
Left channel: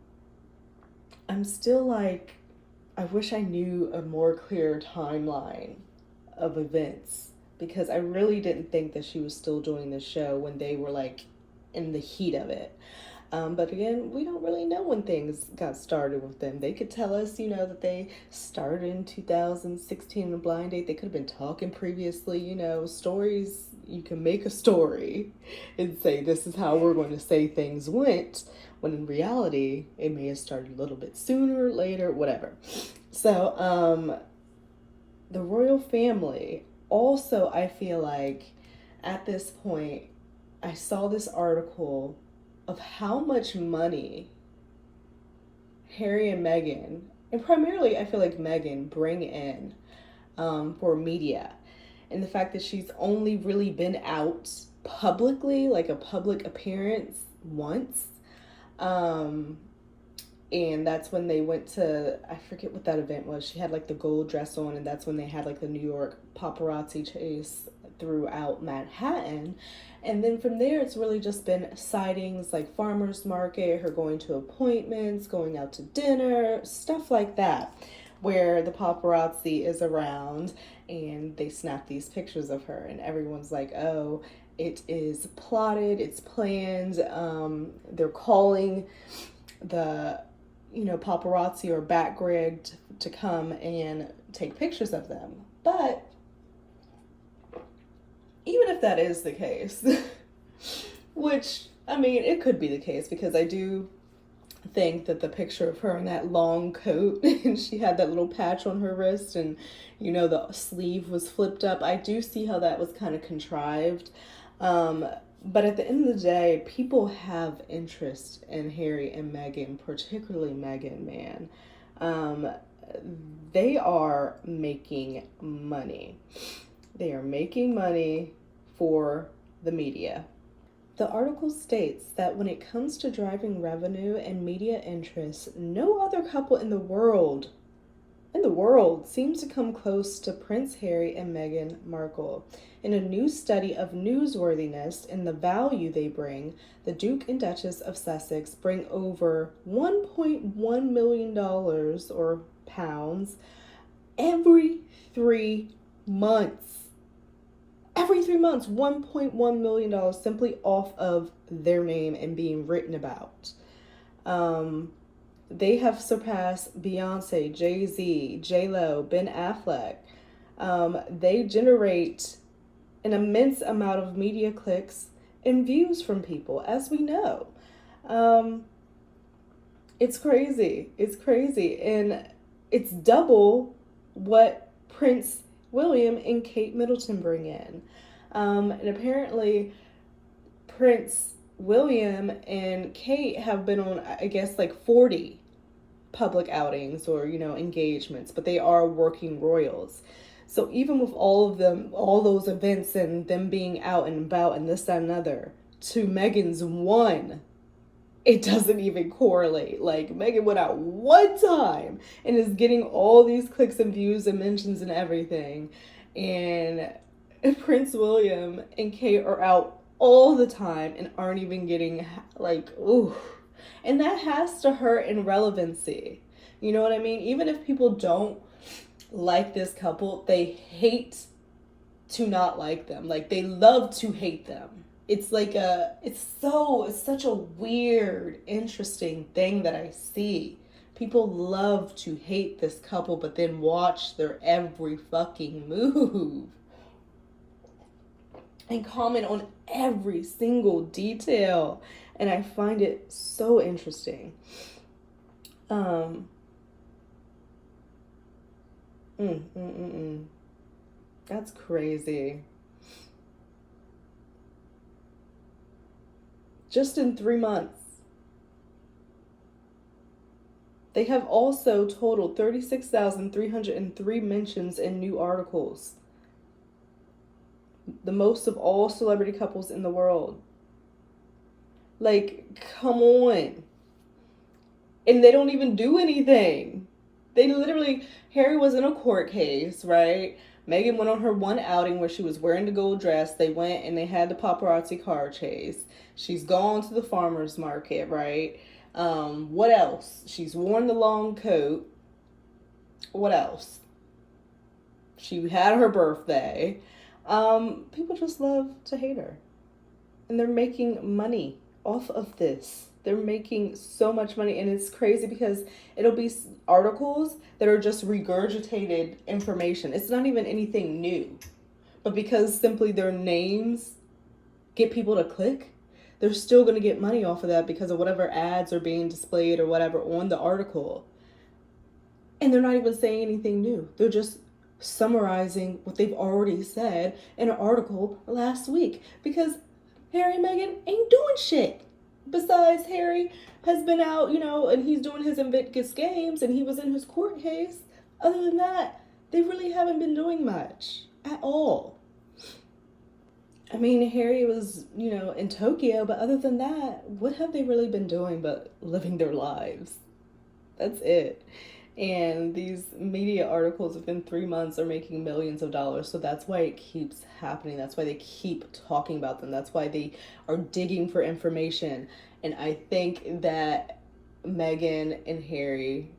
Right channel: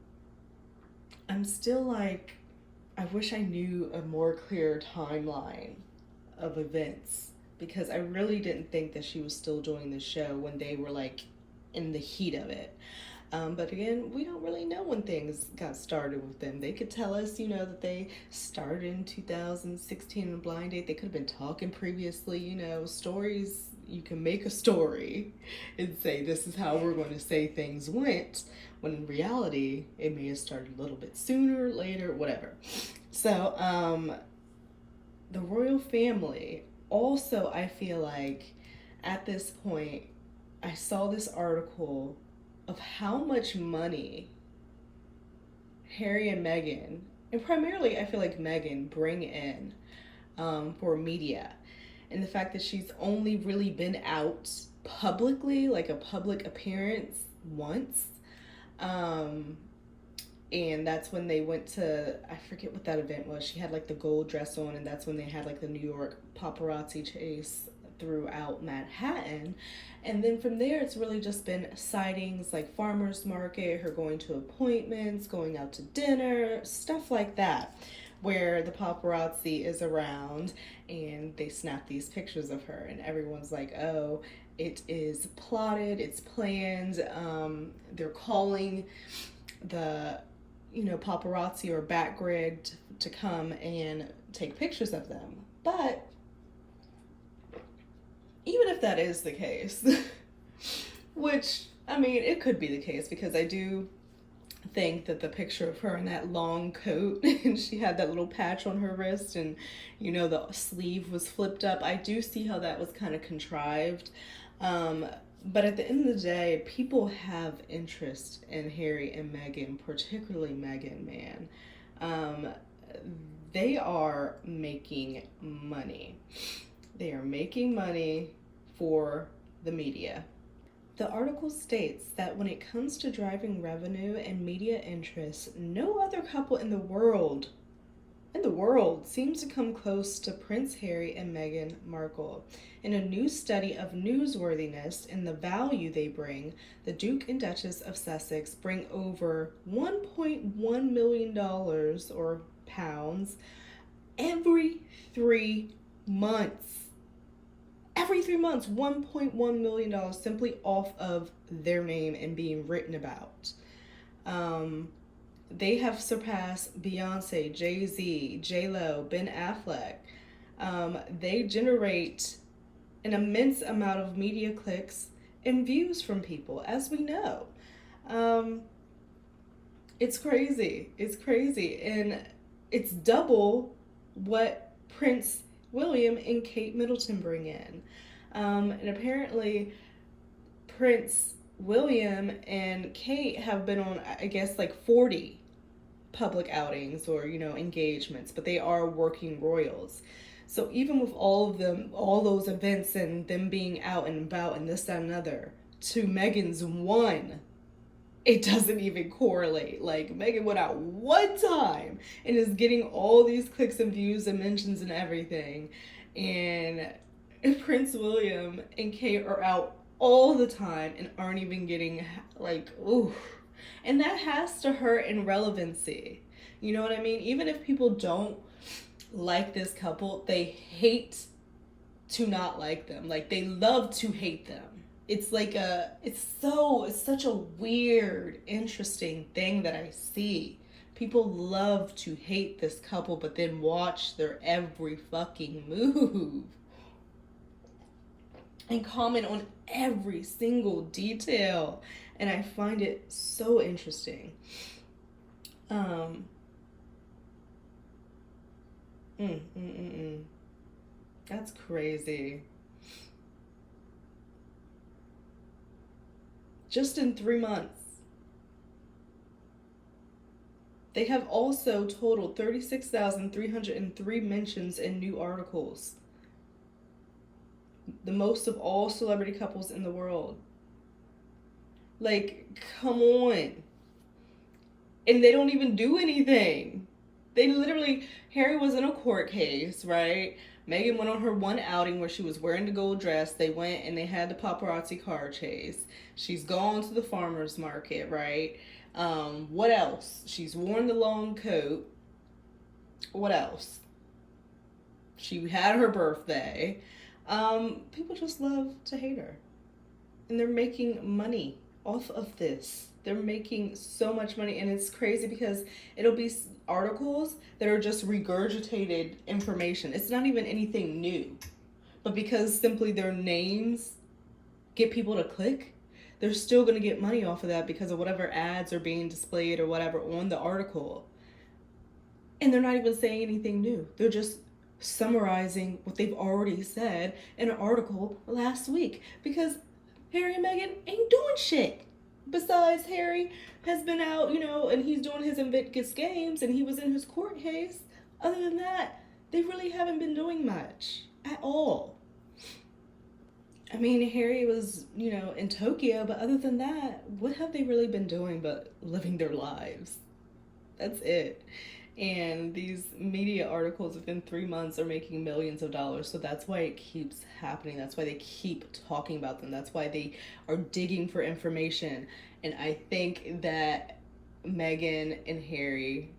still like, I wish I knew a more clear timeline of events, because I really didn't think that she was still doing the show when they were like in the heat of it. But again, we don't really know when things got started with them. They could tell us, that they started in 2016 in a blind date. They could have been talking previously, stories. You can make a story and say, this is how we're going to say things went, when in reality, it may have started a little bit sooner, later, whatever. So, the royal family, also, I feel like at this point, I saw this article of how much money Harry and Meghan, and primarily I feel like Meghan, bring in for media. And the fact that she's only really been out publicly, like a public appearance, once. And that's when they went to, I forget what that event was. She had like the gold dress on, and that's when they had like the New York paparazzi chase throughout Manhattan. And then from there, it's really just been sightings like farmers market, her going to appointments, going out to dinner, stuff like that, where the paparazzi is around and they snap these pictures of her, and everyone's like, oh, it is plotted, it's planned. They're calling the paparazzi or back grid to come and take pictures of them. But even if that is the case, which, I mean, it could be the case, because I do think that the picture of her in that long coat and she had that little patch on her wrist, and the sleeve was flipped up, I do see how that was kind of contrived. But at the end of the day, people have interest in Harry and Meghan, particularly Meghan, man. They are making money. They are making money for the media. The article states that when it comes to driving revenue and media interest, no other couple in the world seems to come close to Prince Harry and Meghan Markle. In a new study of newsworthiness and the value they bring, the Duke and Duchess of Sussex bring over $1.1 million or pounds every 3 months. Every 3 months, $1.1 million simply off of their name and being written about. They have surpassed Beyonce, Jay-Z, J-Lo, Ben Affleck. They generate an immense amount of media clicks and views from people, as we know. It's crazy. It's crazy. And it's double what Prince William and Kate Middleton bring in. And apparently Prince William and Kate have been on, I guess, like 40 public outings or, engagements, but they are working royals. So even with all of them, all those events and them being out and about and this, that, and another, to Meghan's one, it doesn't even correlate. Like, Meghan went out one time and is getting all these clicks and views and mentions and everything. And Prince William and Kate are out all the time and aren't even getting, like, ooh. And that has to hurt in relevancy. You know what I mean? Even if people don't like this couple, they hate to not like them. Like, they love to hate them. It's like it's such a weird, interesting thing that I see. People love to hate this couple, but then watch their every fucking move and comment on every single detail. And I find it so interesting. Mm, mm, mm, mm. That's crazy. Just in 3 months. They have also totaled 36,303 mentions in new articles, the most of all celebrity couples in the world. Like, come on. And they don't even do anything. They literally, Harry was in a court case, right? Meghan went on her one outing where she was wearing the gold dress. They went and they had the paparazzi car chase. She's gone to the farmer's market, right? What else? She's worn the long coat. What else? She had her birthday. People just love to hate her. And they're making money off of this. They're making so much money, and it's crazy because it'll be articles that are just regurgitated information. It's not even anything new. But because simply their names get people to click, they're still going to get money off of that because of whatever ads are being displayed or whatever on the article. And they're not even saying anything new. They're just summarizing what they've already said in an article last week because Harry and Meghan ain't doing shit. Besides, Harry has been out, and he's doing his Invictus Games and he was in his court case. Other than that, they really haven't been doing much at all. I mean, Harry was, in Tokyo, but other than that, what have they really been doing but living their lives? That's it. And these media articles within 3 months are making millions of dollars. So that's why it keeps happening. That's why they keep talking about them. That's why they are digging for information. And I think that Meghan and Harry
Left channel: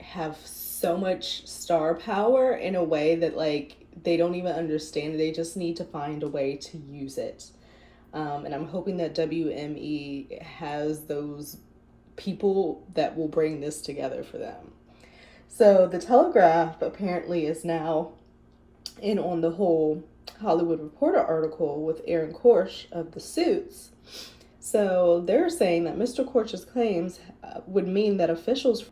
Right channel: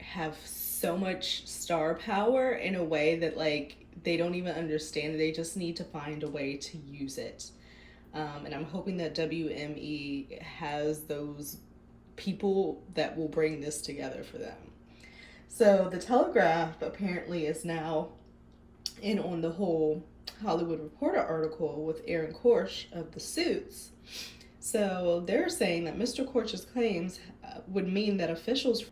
have so much star power in a way that, like, they don't even understand. They just need to find a way to use it. And I'm hoping that WME has those people that will bring this together for them. So the Telegraph apparently is now in on the whole Hollywood Reporter article with Aaron Korsh of the Suits. So they're saying that Mr. Korsh's claims would mean that officials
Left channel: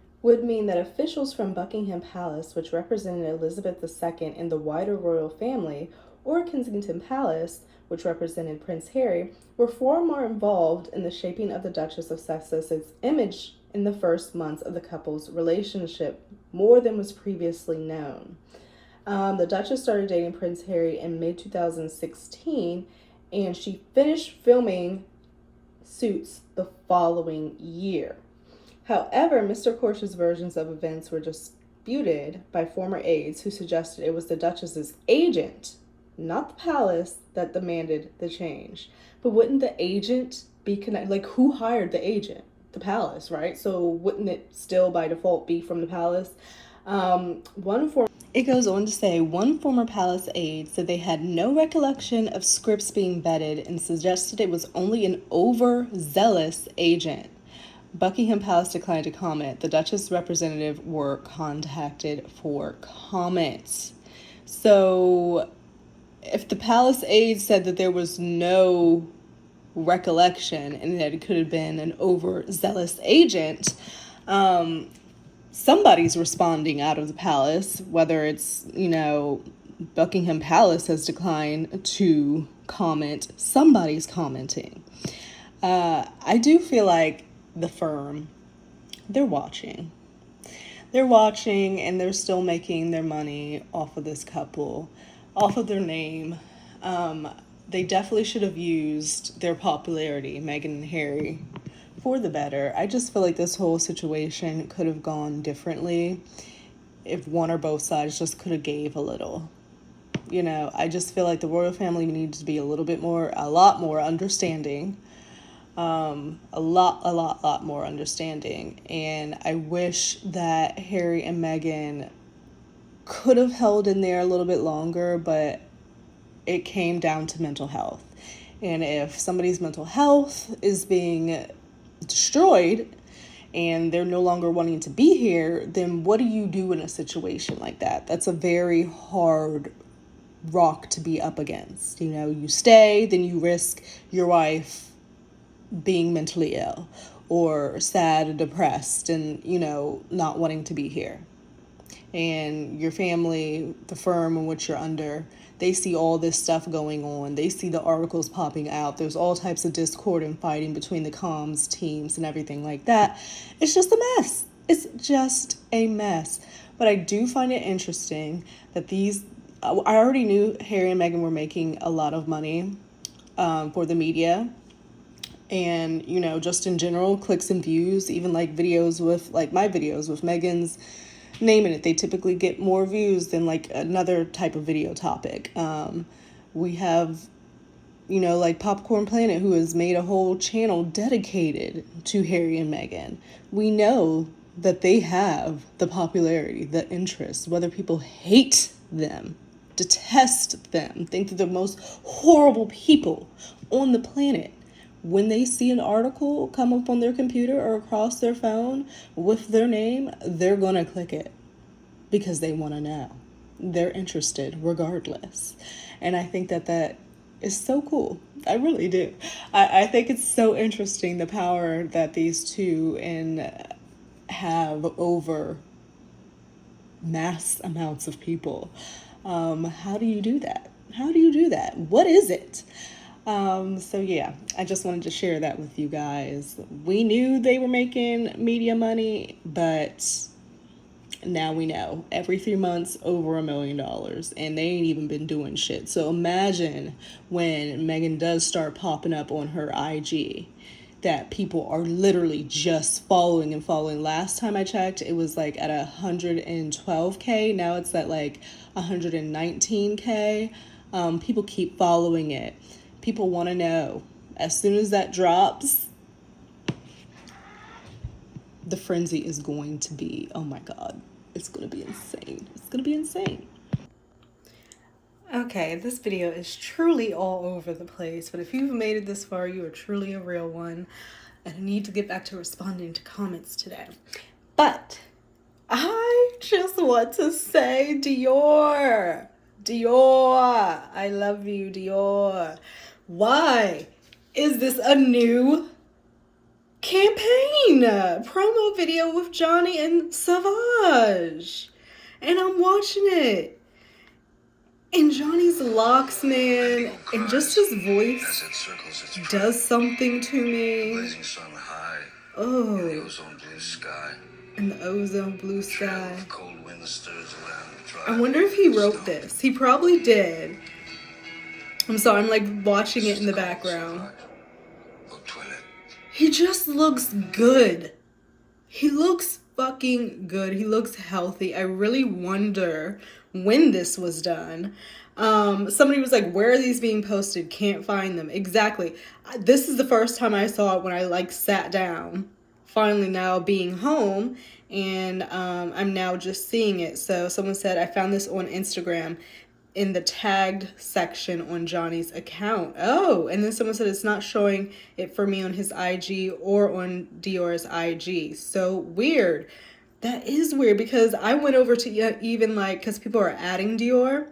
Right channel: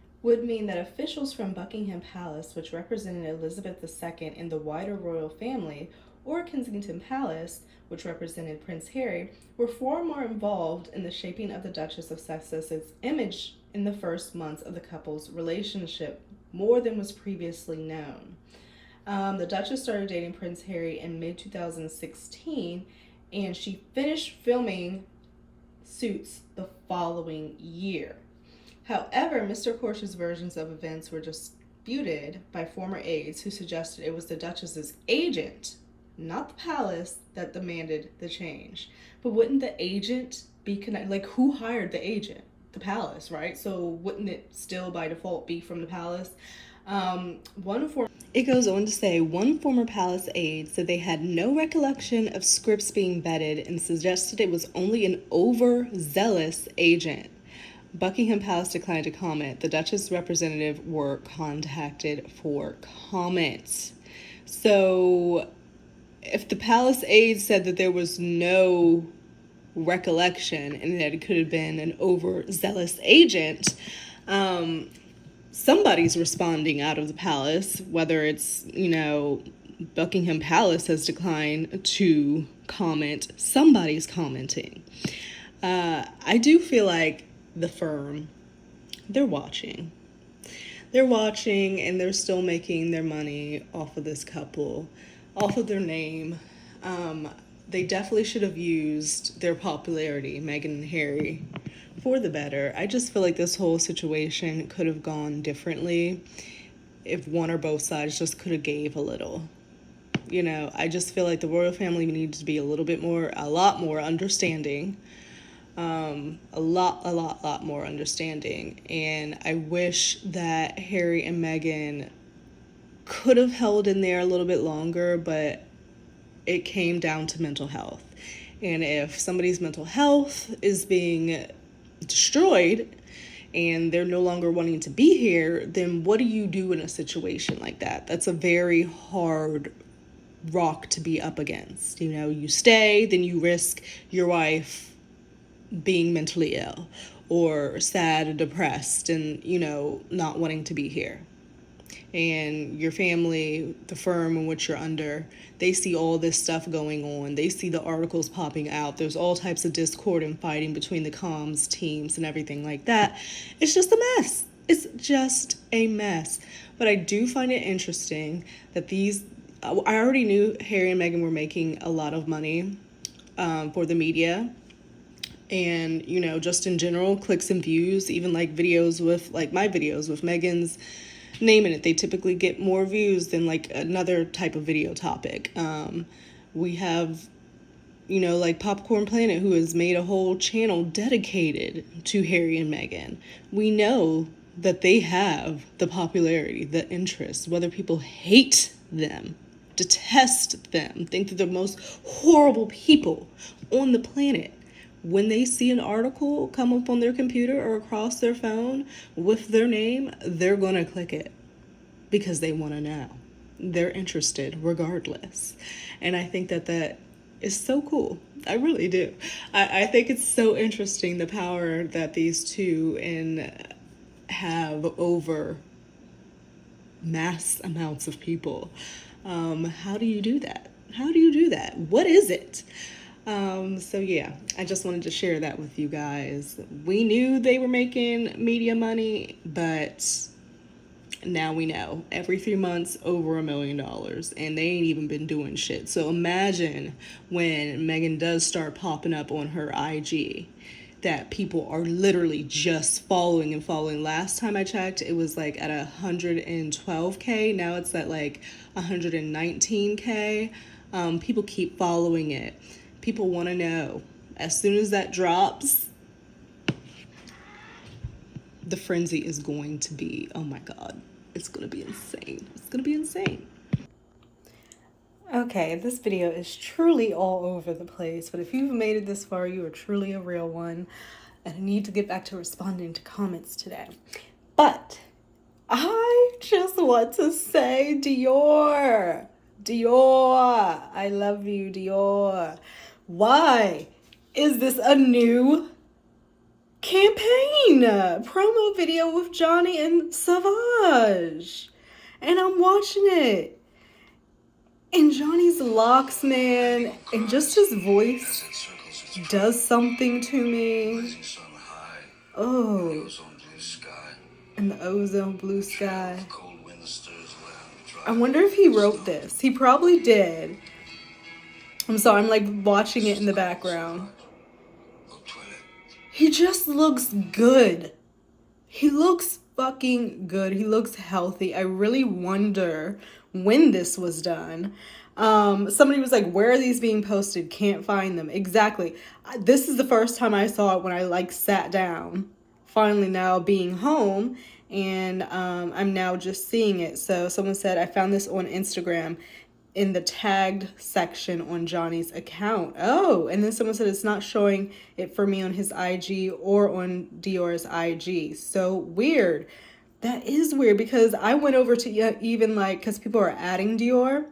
from Buckingham Palace, which represented Elizabeth II and the wider royal family, or Kensington Palace, which represented Prince Harry, were far more involved in the shaping of the Duchess of Sussex's image in the first months of the couple's relationship, more than was previously known. The Duchess started dating Prince Harry in mid-2016, and she finished filming Suits the following year. However, Mr. Korsh's versions of events were disputed by former aides who suggested it was the Duchess's agent, not the palace, that demanded the change. But wouldn't the agent be connected? Like, who hired the agent? The palace, right? So wouldn't it still by default be from the palace? It goes on to say one former palace aide said they had no recollection of scripts being vetted and suggested it was only an overzealous agent. Buckingham Palace declined to comment. The Duchess representative were contacted for comment. So if the palace aide said that there was no recollection and that it could have been an overzealous agent, somebody's responding out of the palace, whether it's, Buckingham Palace has declined to comment, somebody's commenting. I do feel like the firm, they're watching. They're watching and they're still making their money off of this couple, off of their name. They definitely should have used their popularity, Meghan and Harry, for the better. I just feel like this whole situation could have gone differently if one or both sides just could have gave a little. I just feel like the royal family needs to be a lot more understanding. A lot more understanding. And I wish that Harry and Meghan could have held in there a little bit longer, but it came down to mental health. And if somebody's mental health is being destroyed and they're no longer wanting to be here, then what do you do in a situation like that? That's a very hard rock to be up against. You stay, then you risk your wife being mentally ill or sad and depressed and, not wanting to be here. and your family, the firm in which you're under, they see all this stuff going on. They see the articles popping out. There's all types of discord and fighting between the comms teams and everything like that. It's just a mess. It's just a mess. But I do find it interesting that I already knew Harry and Meghan were making a lot of money for the media. And, you know, just in general, clicks and views, even like videos with, like my videos with Meghan's name in it, they typically get more views than like another type of video topic. We have, you know, like Popcorn Planet, who has made a whole channel dedicated to Harry and Meghan. We know that they have the popularity, the interest, whether people hate them, detest them, think that they're the most horrible people on the planet. When they see an article come up on their computer or across their phone with their name, they're going to click it because they want to know. They're interested regardless. And I think that is so cool. I really do. I think it's so interesting, the power that these two have over mass amounts of people. How do you do that? How do you do that? What is it? So yeah, I just wanted to share that with you guys. We knew they were making media money, but now we know. Every 3 months, over $1 million, and they ain't even been doing shit. So imagine when Meghan does start popping up on her IG, that people are literally just following and following. Last time I checked, it was like at 112K. Now it's at like 119K. People keep following it. People want to know. As soon as that drops, the frenzy is going to be, oh my God, it's going to be insane. It's going to be insane. Okay, this video is truly all over the place, but if you've made it this far, you are truly a real one. And I need to get back to responding to comments today. But I just want to say, Dior, I love you, Dior. Why is this a new campaign promo video with Johnny and Savage? And I'm watching it. And Johnny's locks, man, and just his voice does something to me. Oh, and the ozone blue sky. I wonder if he wrote this. He probably did. I'm sorry, I'm like watching it in the background. He just looks good. He looks fucking good. He looks healthy. I really wonder when this was done. Somebody was like, where are these being posted? Can't find them. Exactly. This is the first time I saw it when I like sat down, finally now being home, and I'm now just seeing it. So someone said, I found this on Instagram in the tagged section on Johnny's account. Oh, and then someone said it's not showing it for me on his IG or on Dior's IG. So weird. That is weird, because I went over to even like, because people are adding Dior,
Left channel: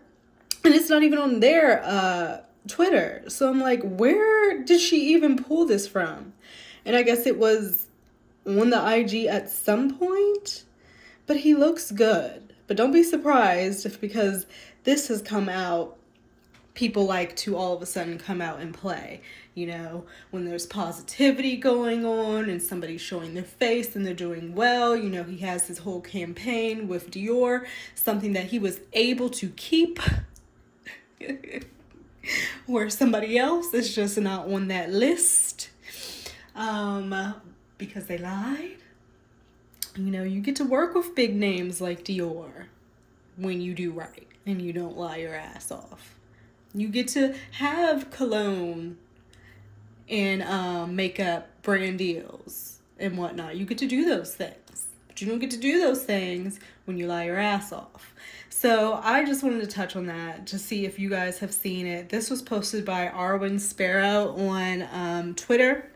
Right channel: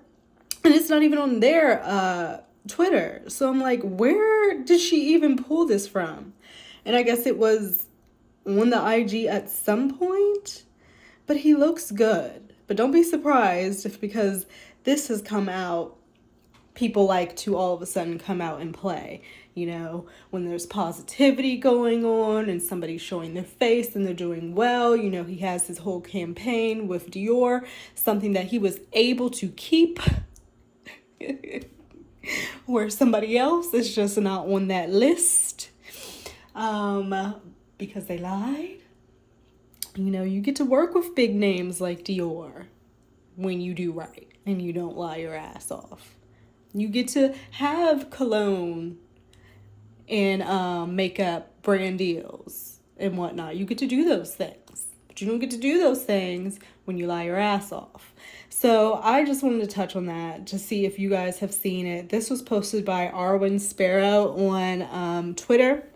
and it's not even on their Twitter. So I'm like, where did she even pull this from? And I guess it was on the IG at some point, but he looks good. But don't be surprised if, because this has come out, people like to all of a sudden come out and play. You know, when there's positivity going on and somebody's showing their face and they're doing well, you know, he has his whole campaign with Dior, something that he was able to keep where somebody else is just not on that list because they lied. You know, you get to work with big names like Dior when you do right and you don't lie your ass off. You get to have cologne and makeup brand deals and whatnot. You get to do those things, but you don't get to do those things when you lie your ass off. So I just wanted to touch on that to see if you guys have seen it. This was posted by Arwen Sparrow on Twitter.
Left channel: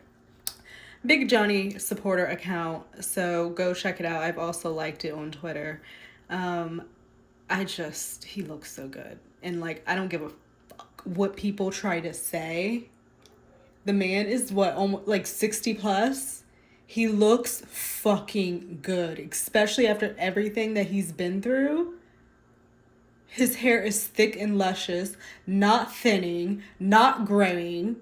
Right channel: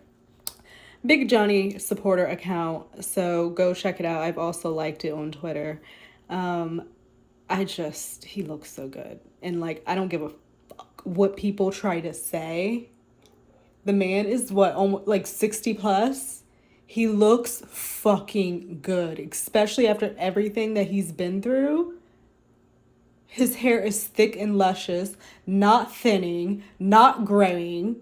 Big Johnny supporter account, so go check it out. I've also liked it on Twitter. He looks so good. And like, I don't give a fuck what people try to say. The man is what, almost like 60 plus. He looks fucking good, especially after everything that he's been through. His hair is thick and luscious, not thinning, not graying.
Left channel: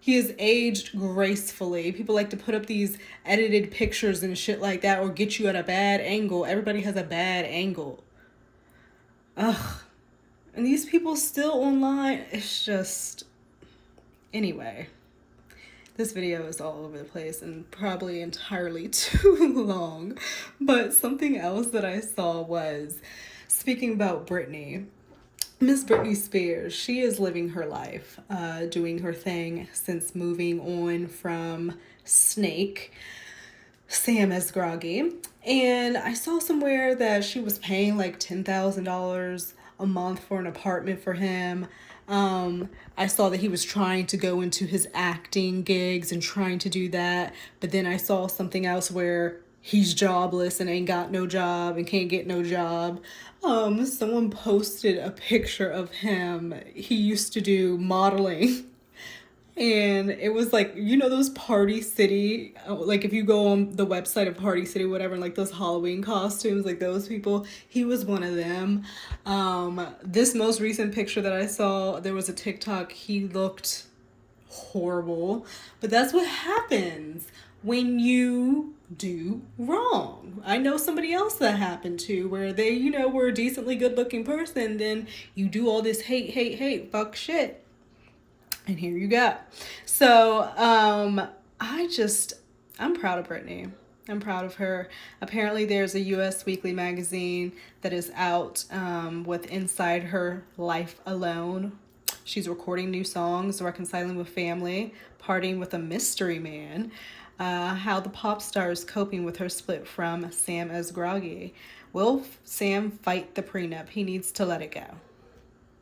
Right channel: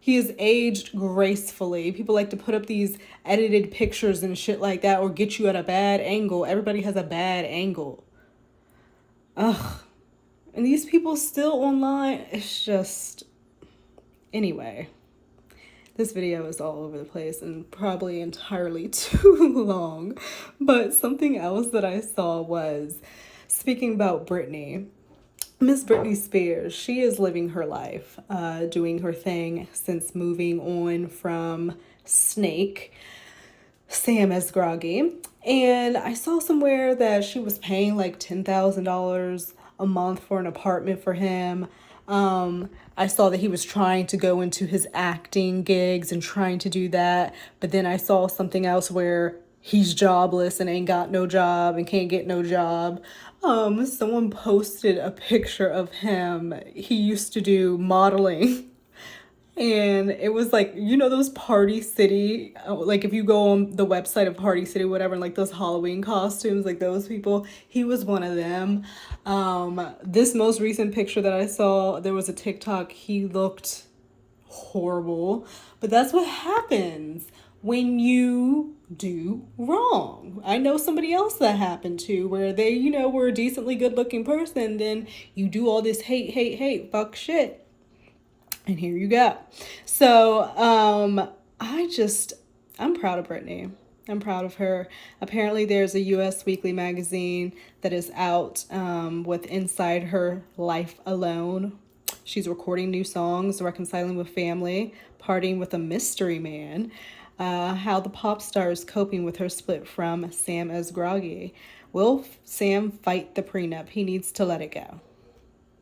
He is aged gracefully. People like to put up these edited pictures and shit like that or get you at a bad angle. Everybody has a bad angle. Ugh. And these people still online, it's just... Anyway, this video is all over the place and probably entirely too long. But something else that I saw was, speaking about Britney, Miss Britney Spears, she is living her life, doing her thing since moving on from Snake, Sam Asghari. And I saw somewhere that she was paying like $10,000 a month for an apartment for him. I saw that he was trying to go into his acting gigs and trying to do that. But then I saw something else where he's jobless and ain't got no job and can't get no job. Someone posted a picture of him. He used to do modeling. And it was like, you know, those Party City, like if you go on the website of Party City, whatever, and like those Halloween costumes, like those people, he was one of them. This most recent picture that I saw, there was a TikTok, he looked horrible. But that's what happens when you do wrong. I know somebody else that happened to, where they, you know, were a decently good looking person, then you do all this hate, fuck shit. And here you go. So, I'm proud of Britney. I'm proud of her. Apparently there's a US Weekly magazine that is out with Inside Her Life Alone. She's recording new songs, reconciling with family, partying with a mystery man, how the pop star is coping with her split from Sam Asghari. Will Sam fight the prenup? He needs to let it go.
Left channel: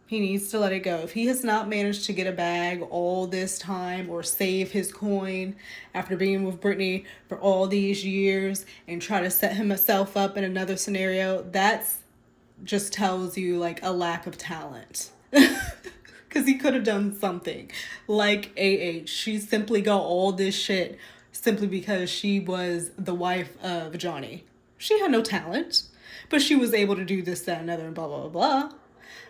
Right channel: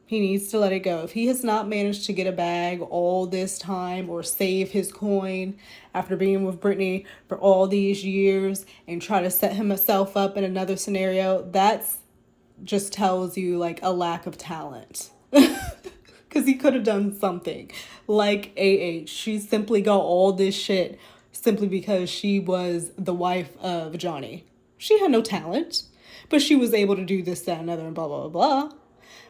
He needs to let it go. If he has not managed to get a bag all this time or save his coin after being with Britney for all these years and try to set himself up in another scenario, that just tells you like a lack of talent. Because he could have done something like AH. She simply got all this shit simply because she was the wife of Johnny. She had no talent, but she was able to do this, that, and other, and blah, blah, blah,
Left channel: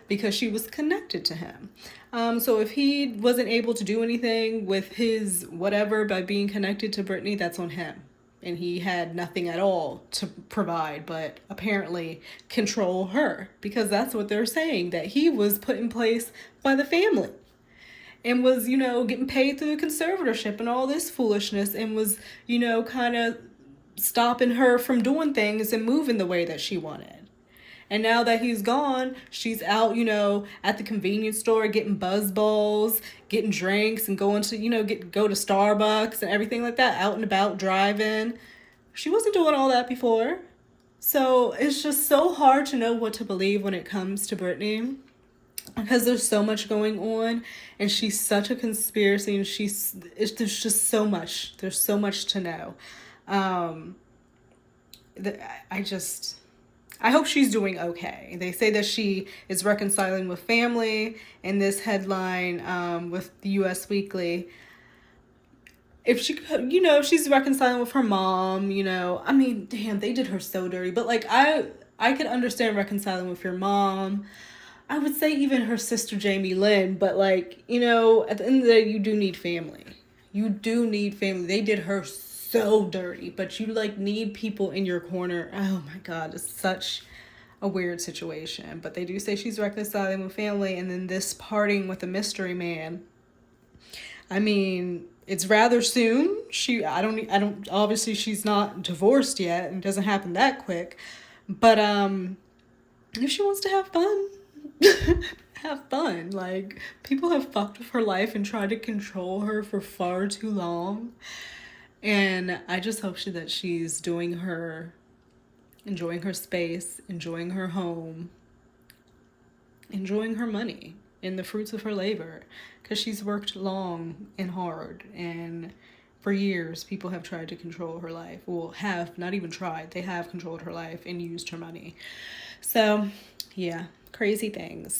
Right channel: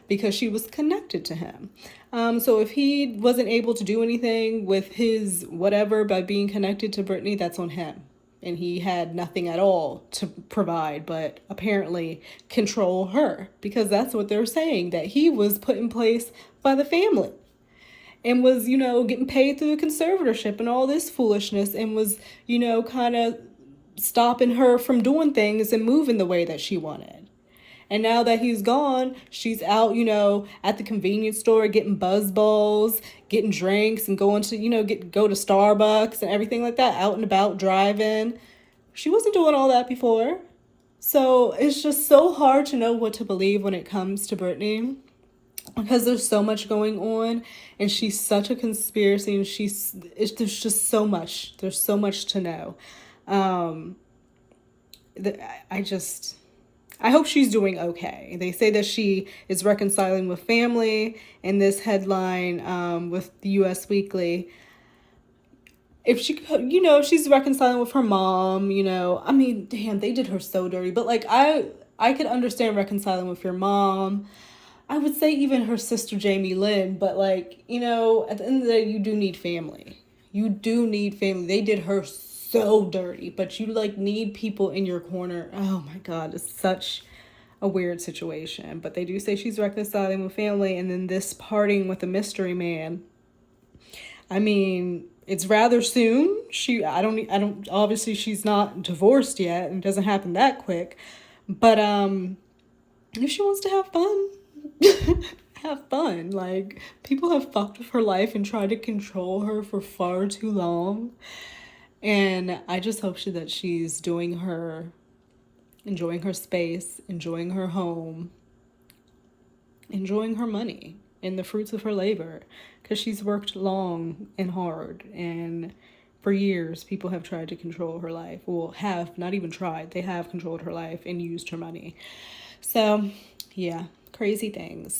because she was connected to him. So if he wasn't able to do anything with his whatever by being connected to Britney, that's on him. And he had nothing at all to provide, but apparently control her, because that's what they're saying, that he was put in place by the family and was, you know, getting paid through a conservatorship and all this foolishness, and was, you know, kind of stopping her from doing things and moving the way that she wanted. And now that he's gone, she's out, you know, at the convenience store getting buzz balls, getting drinks, and going to, you know, go to Starbucks and everything like that, out and about driving. She wasn't doing all that before. So it's just so hard to know what to believe when it comes to Britney, because there's so much going on, and she's such a conspiracy, and there's just so much. There's so much to know. I hope she's doing okay. They say that she is reconciling with family in this headline with the US Weekly. If she, you know, if she's reconciling with her mom, you know, I mean, damn, they did her so dirty. But like, I could understand reconciling with your mom. I would say even her sister Jamie Lynn, but like, you know, at the end of the day, you do need family. You do need family. They did her so dirty, but you like need people in your corner. Oh my God, it's such a weird situation. But they do say she's reconciling with family, and then this parting with a mystery man. I mean, it's rather soon. I don't obviously she's not divorced yet, and it doesn't happen that quick. But if she wants to have fun, have fun. Like, people have fucked with her life and tried to control her for far too long. And I just hope that she's enjoying her space, enjoying her home, enjoying her money and the fruits of her labor, because she's worked long and hard, and for years people have tried to control her life. Well, have not even tried, they have controlled her life and used her money. So yeah, crazy things.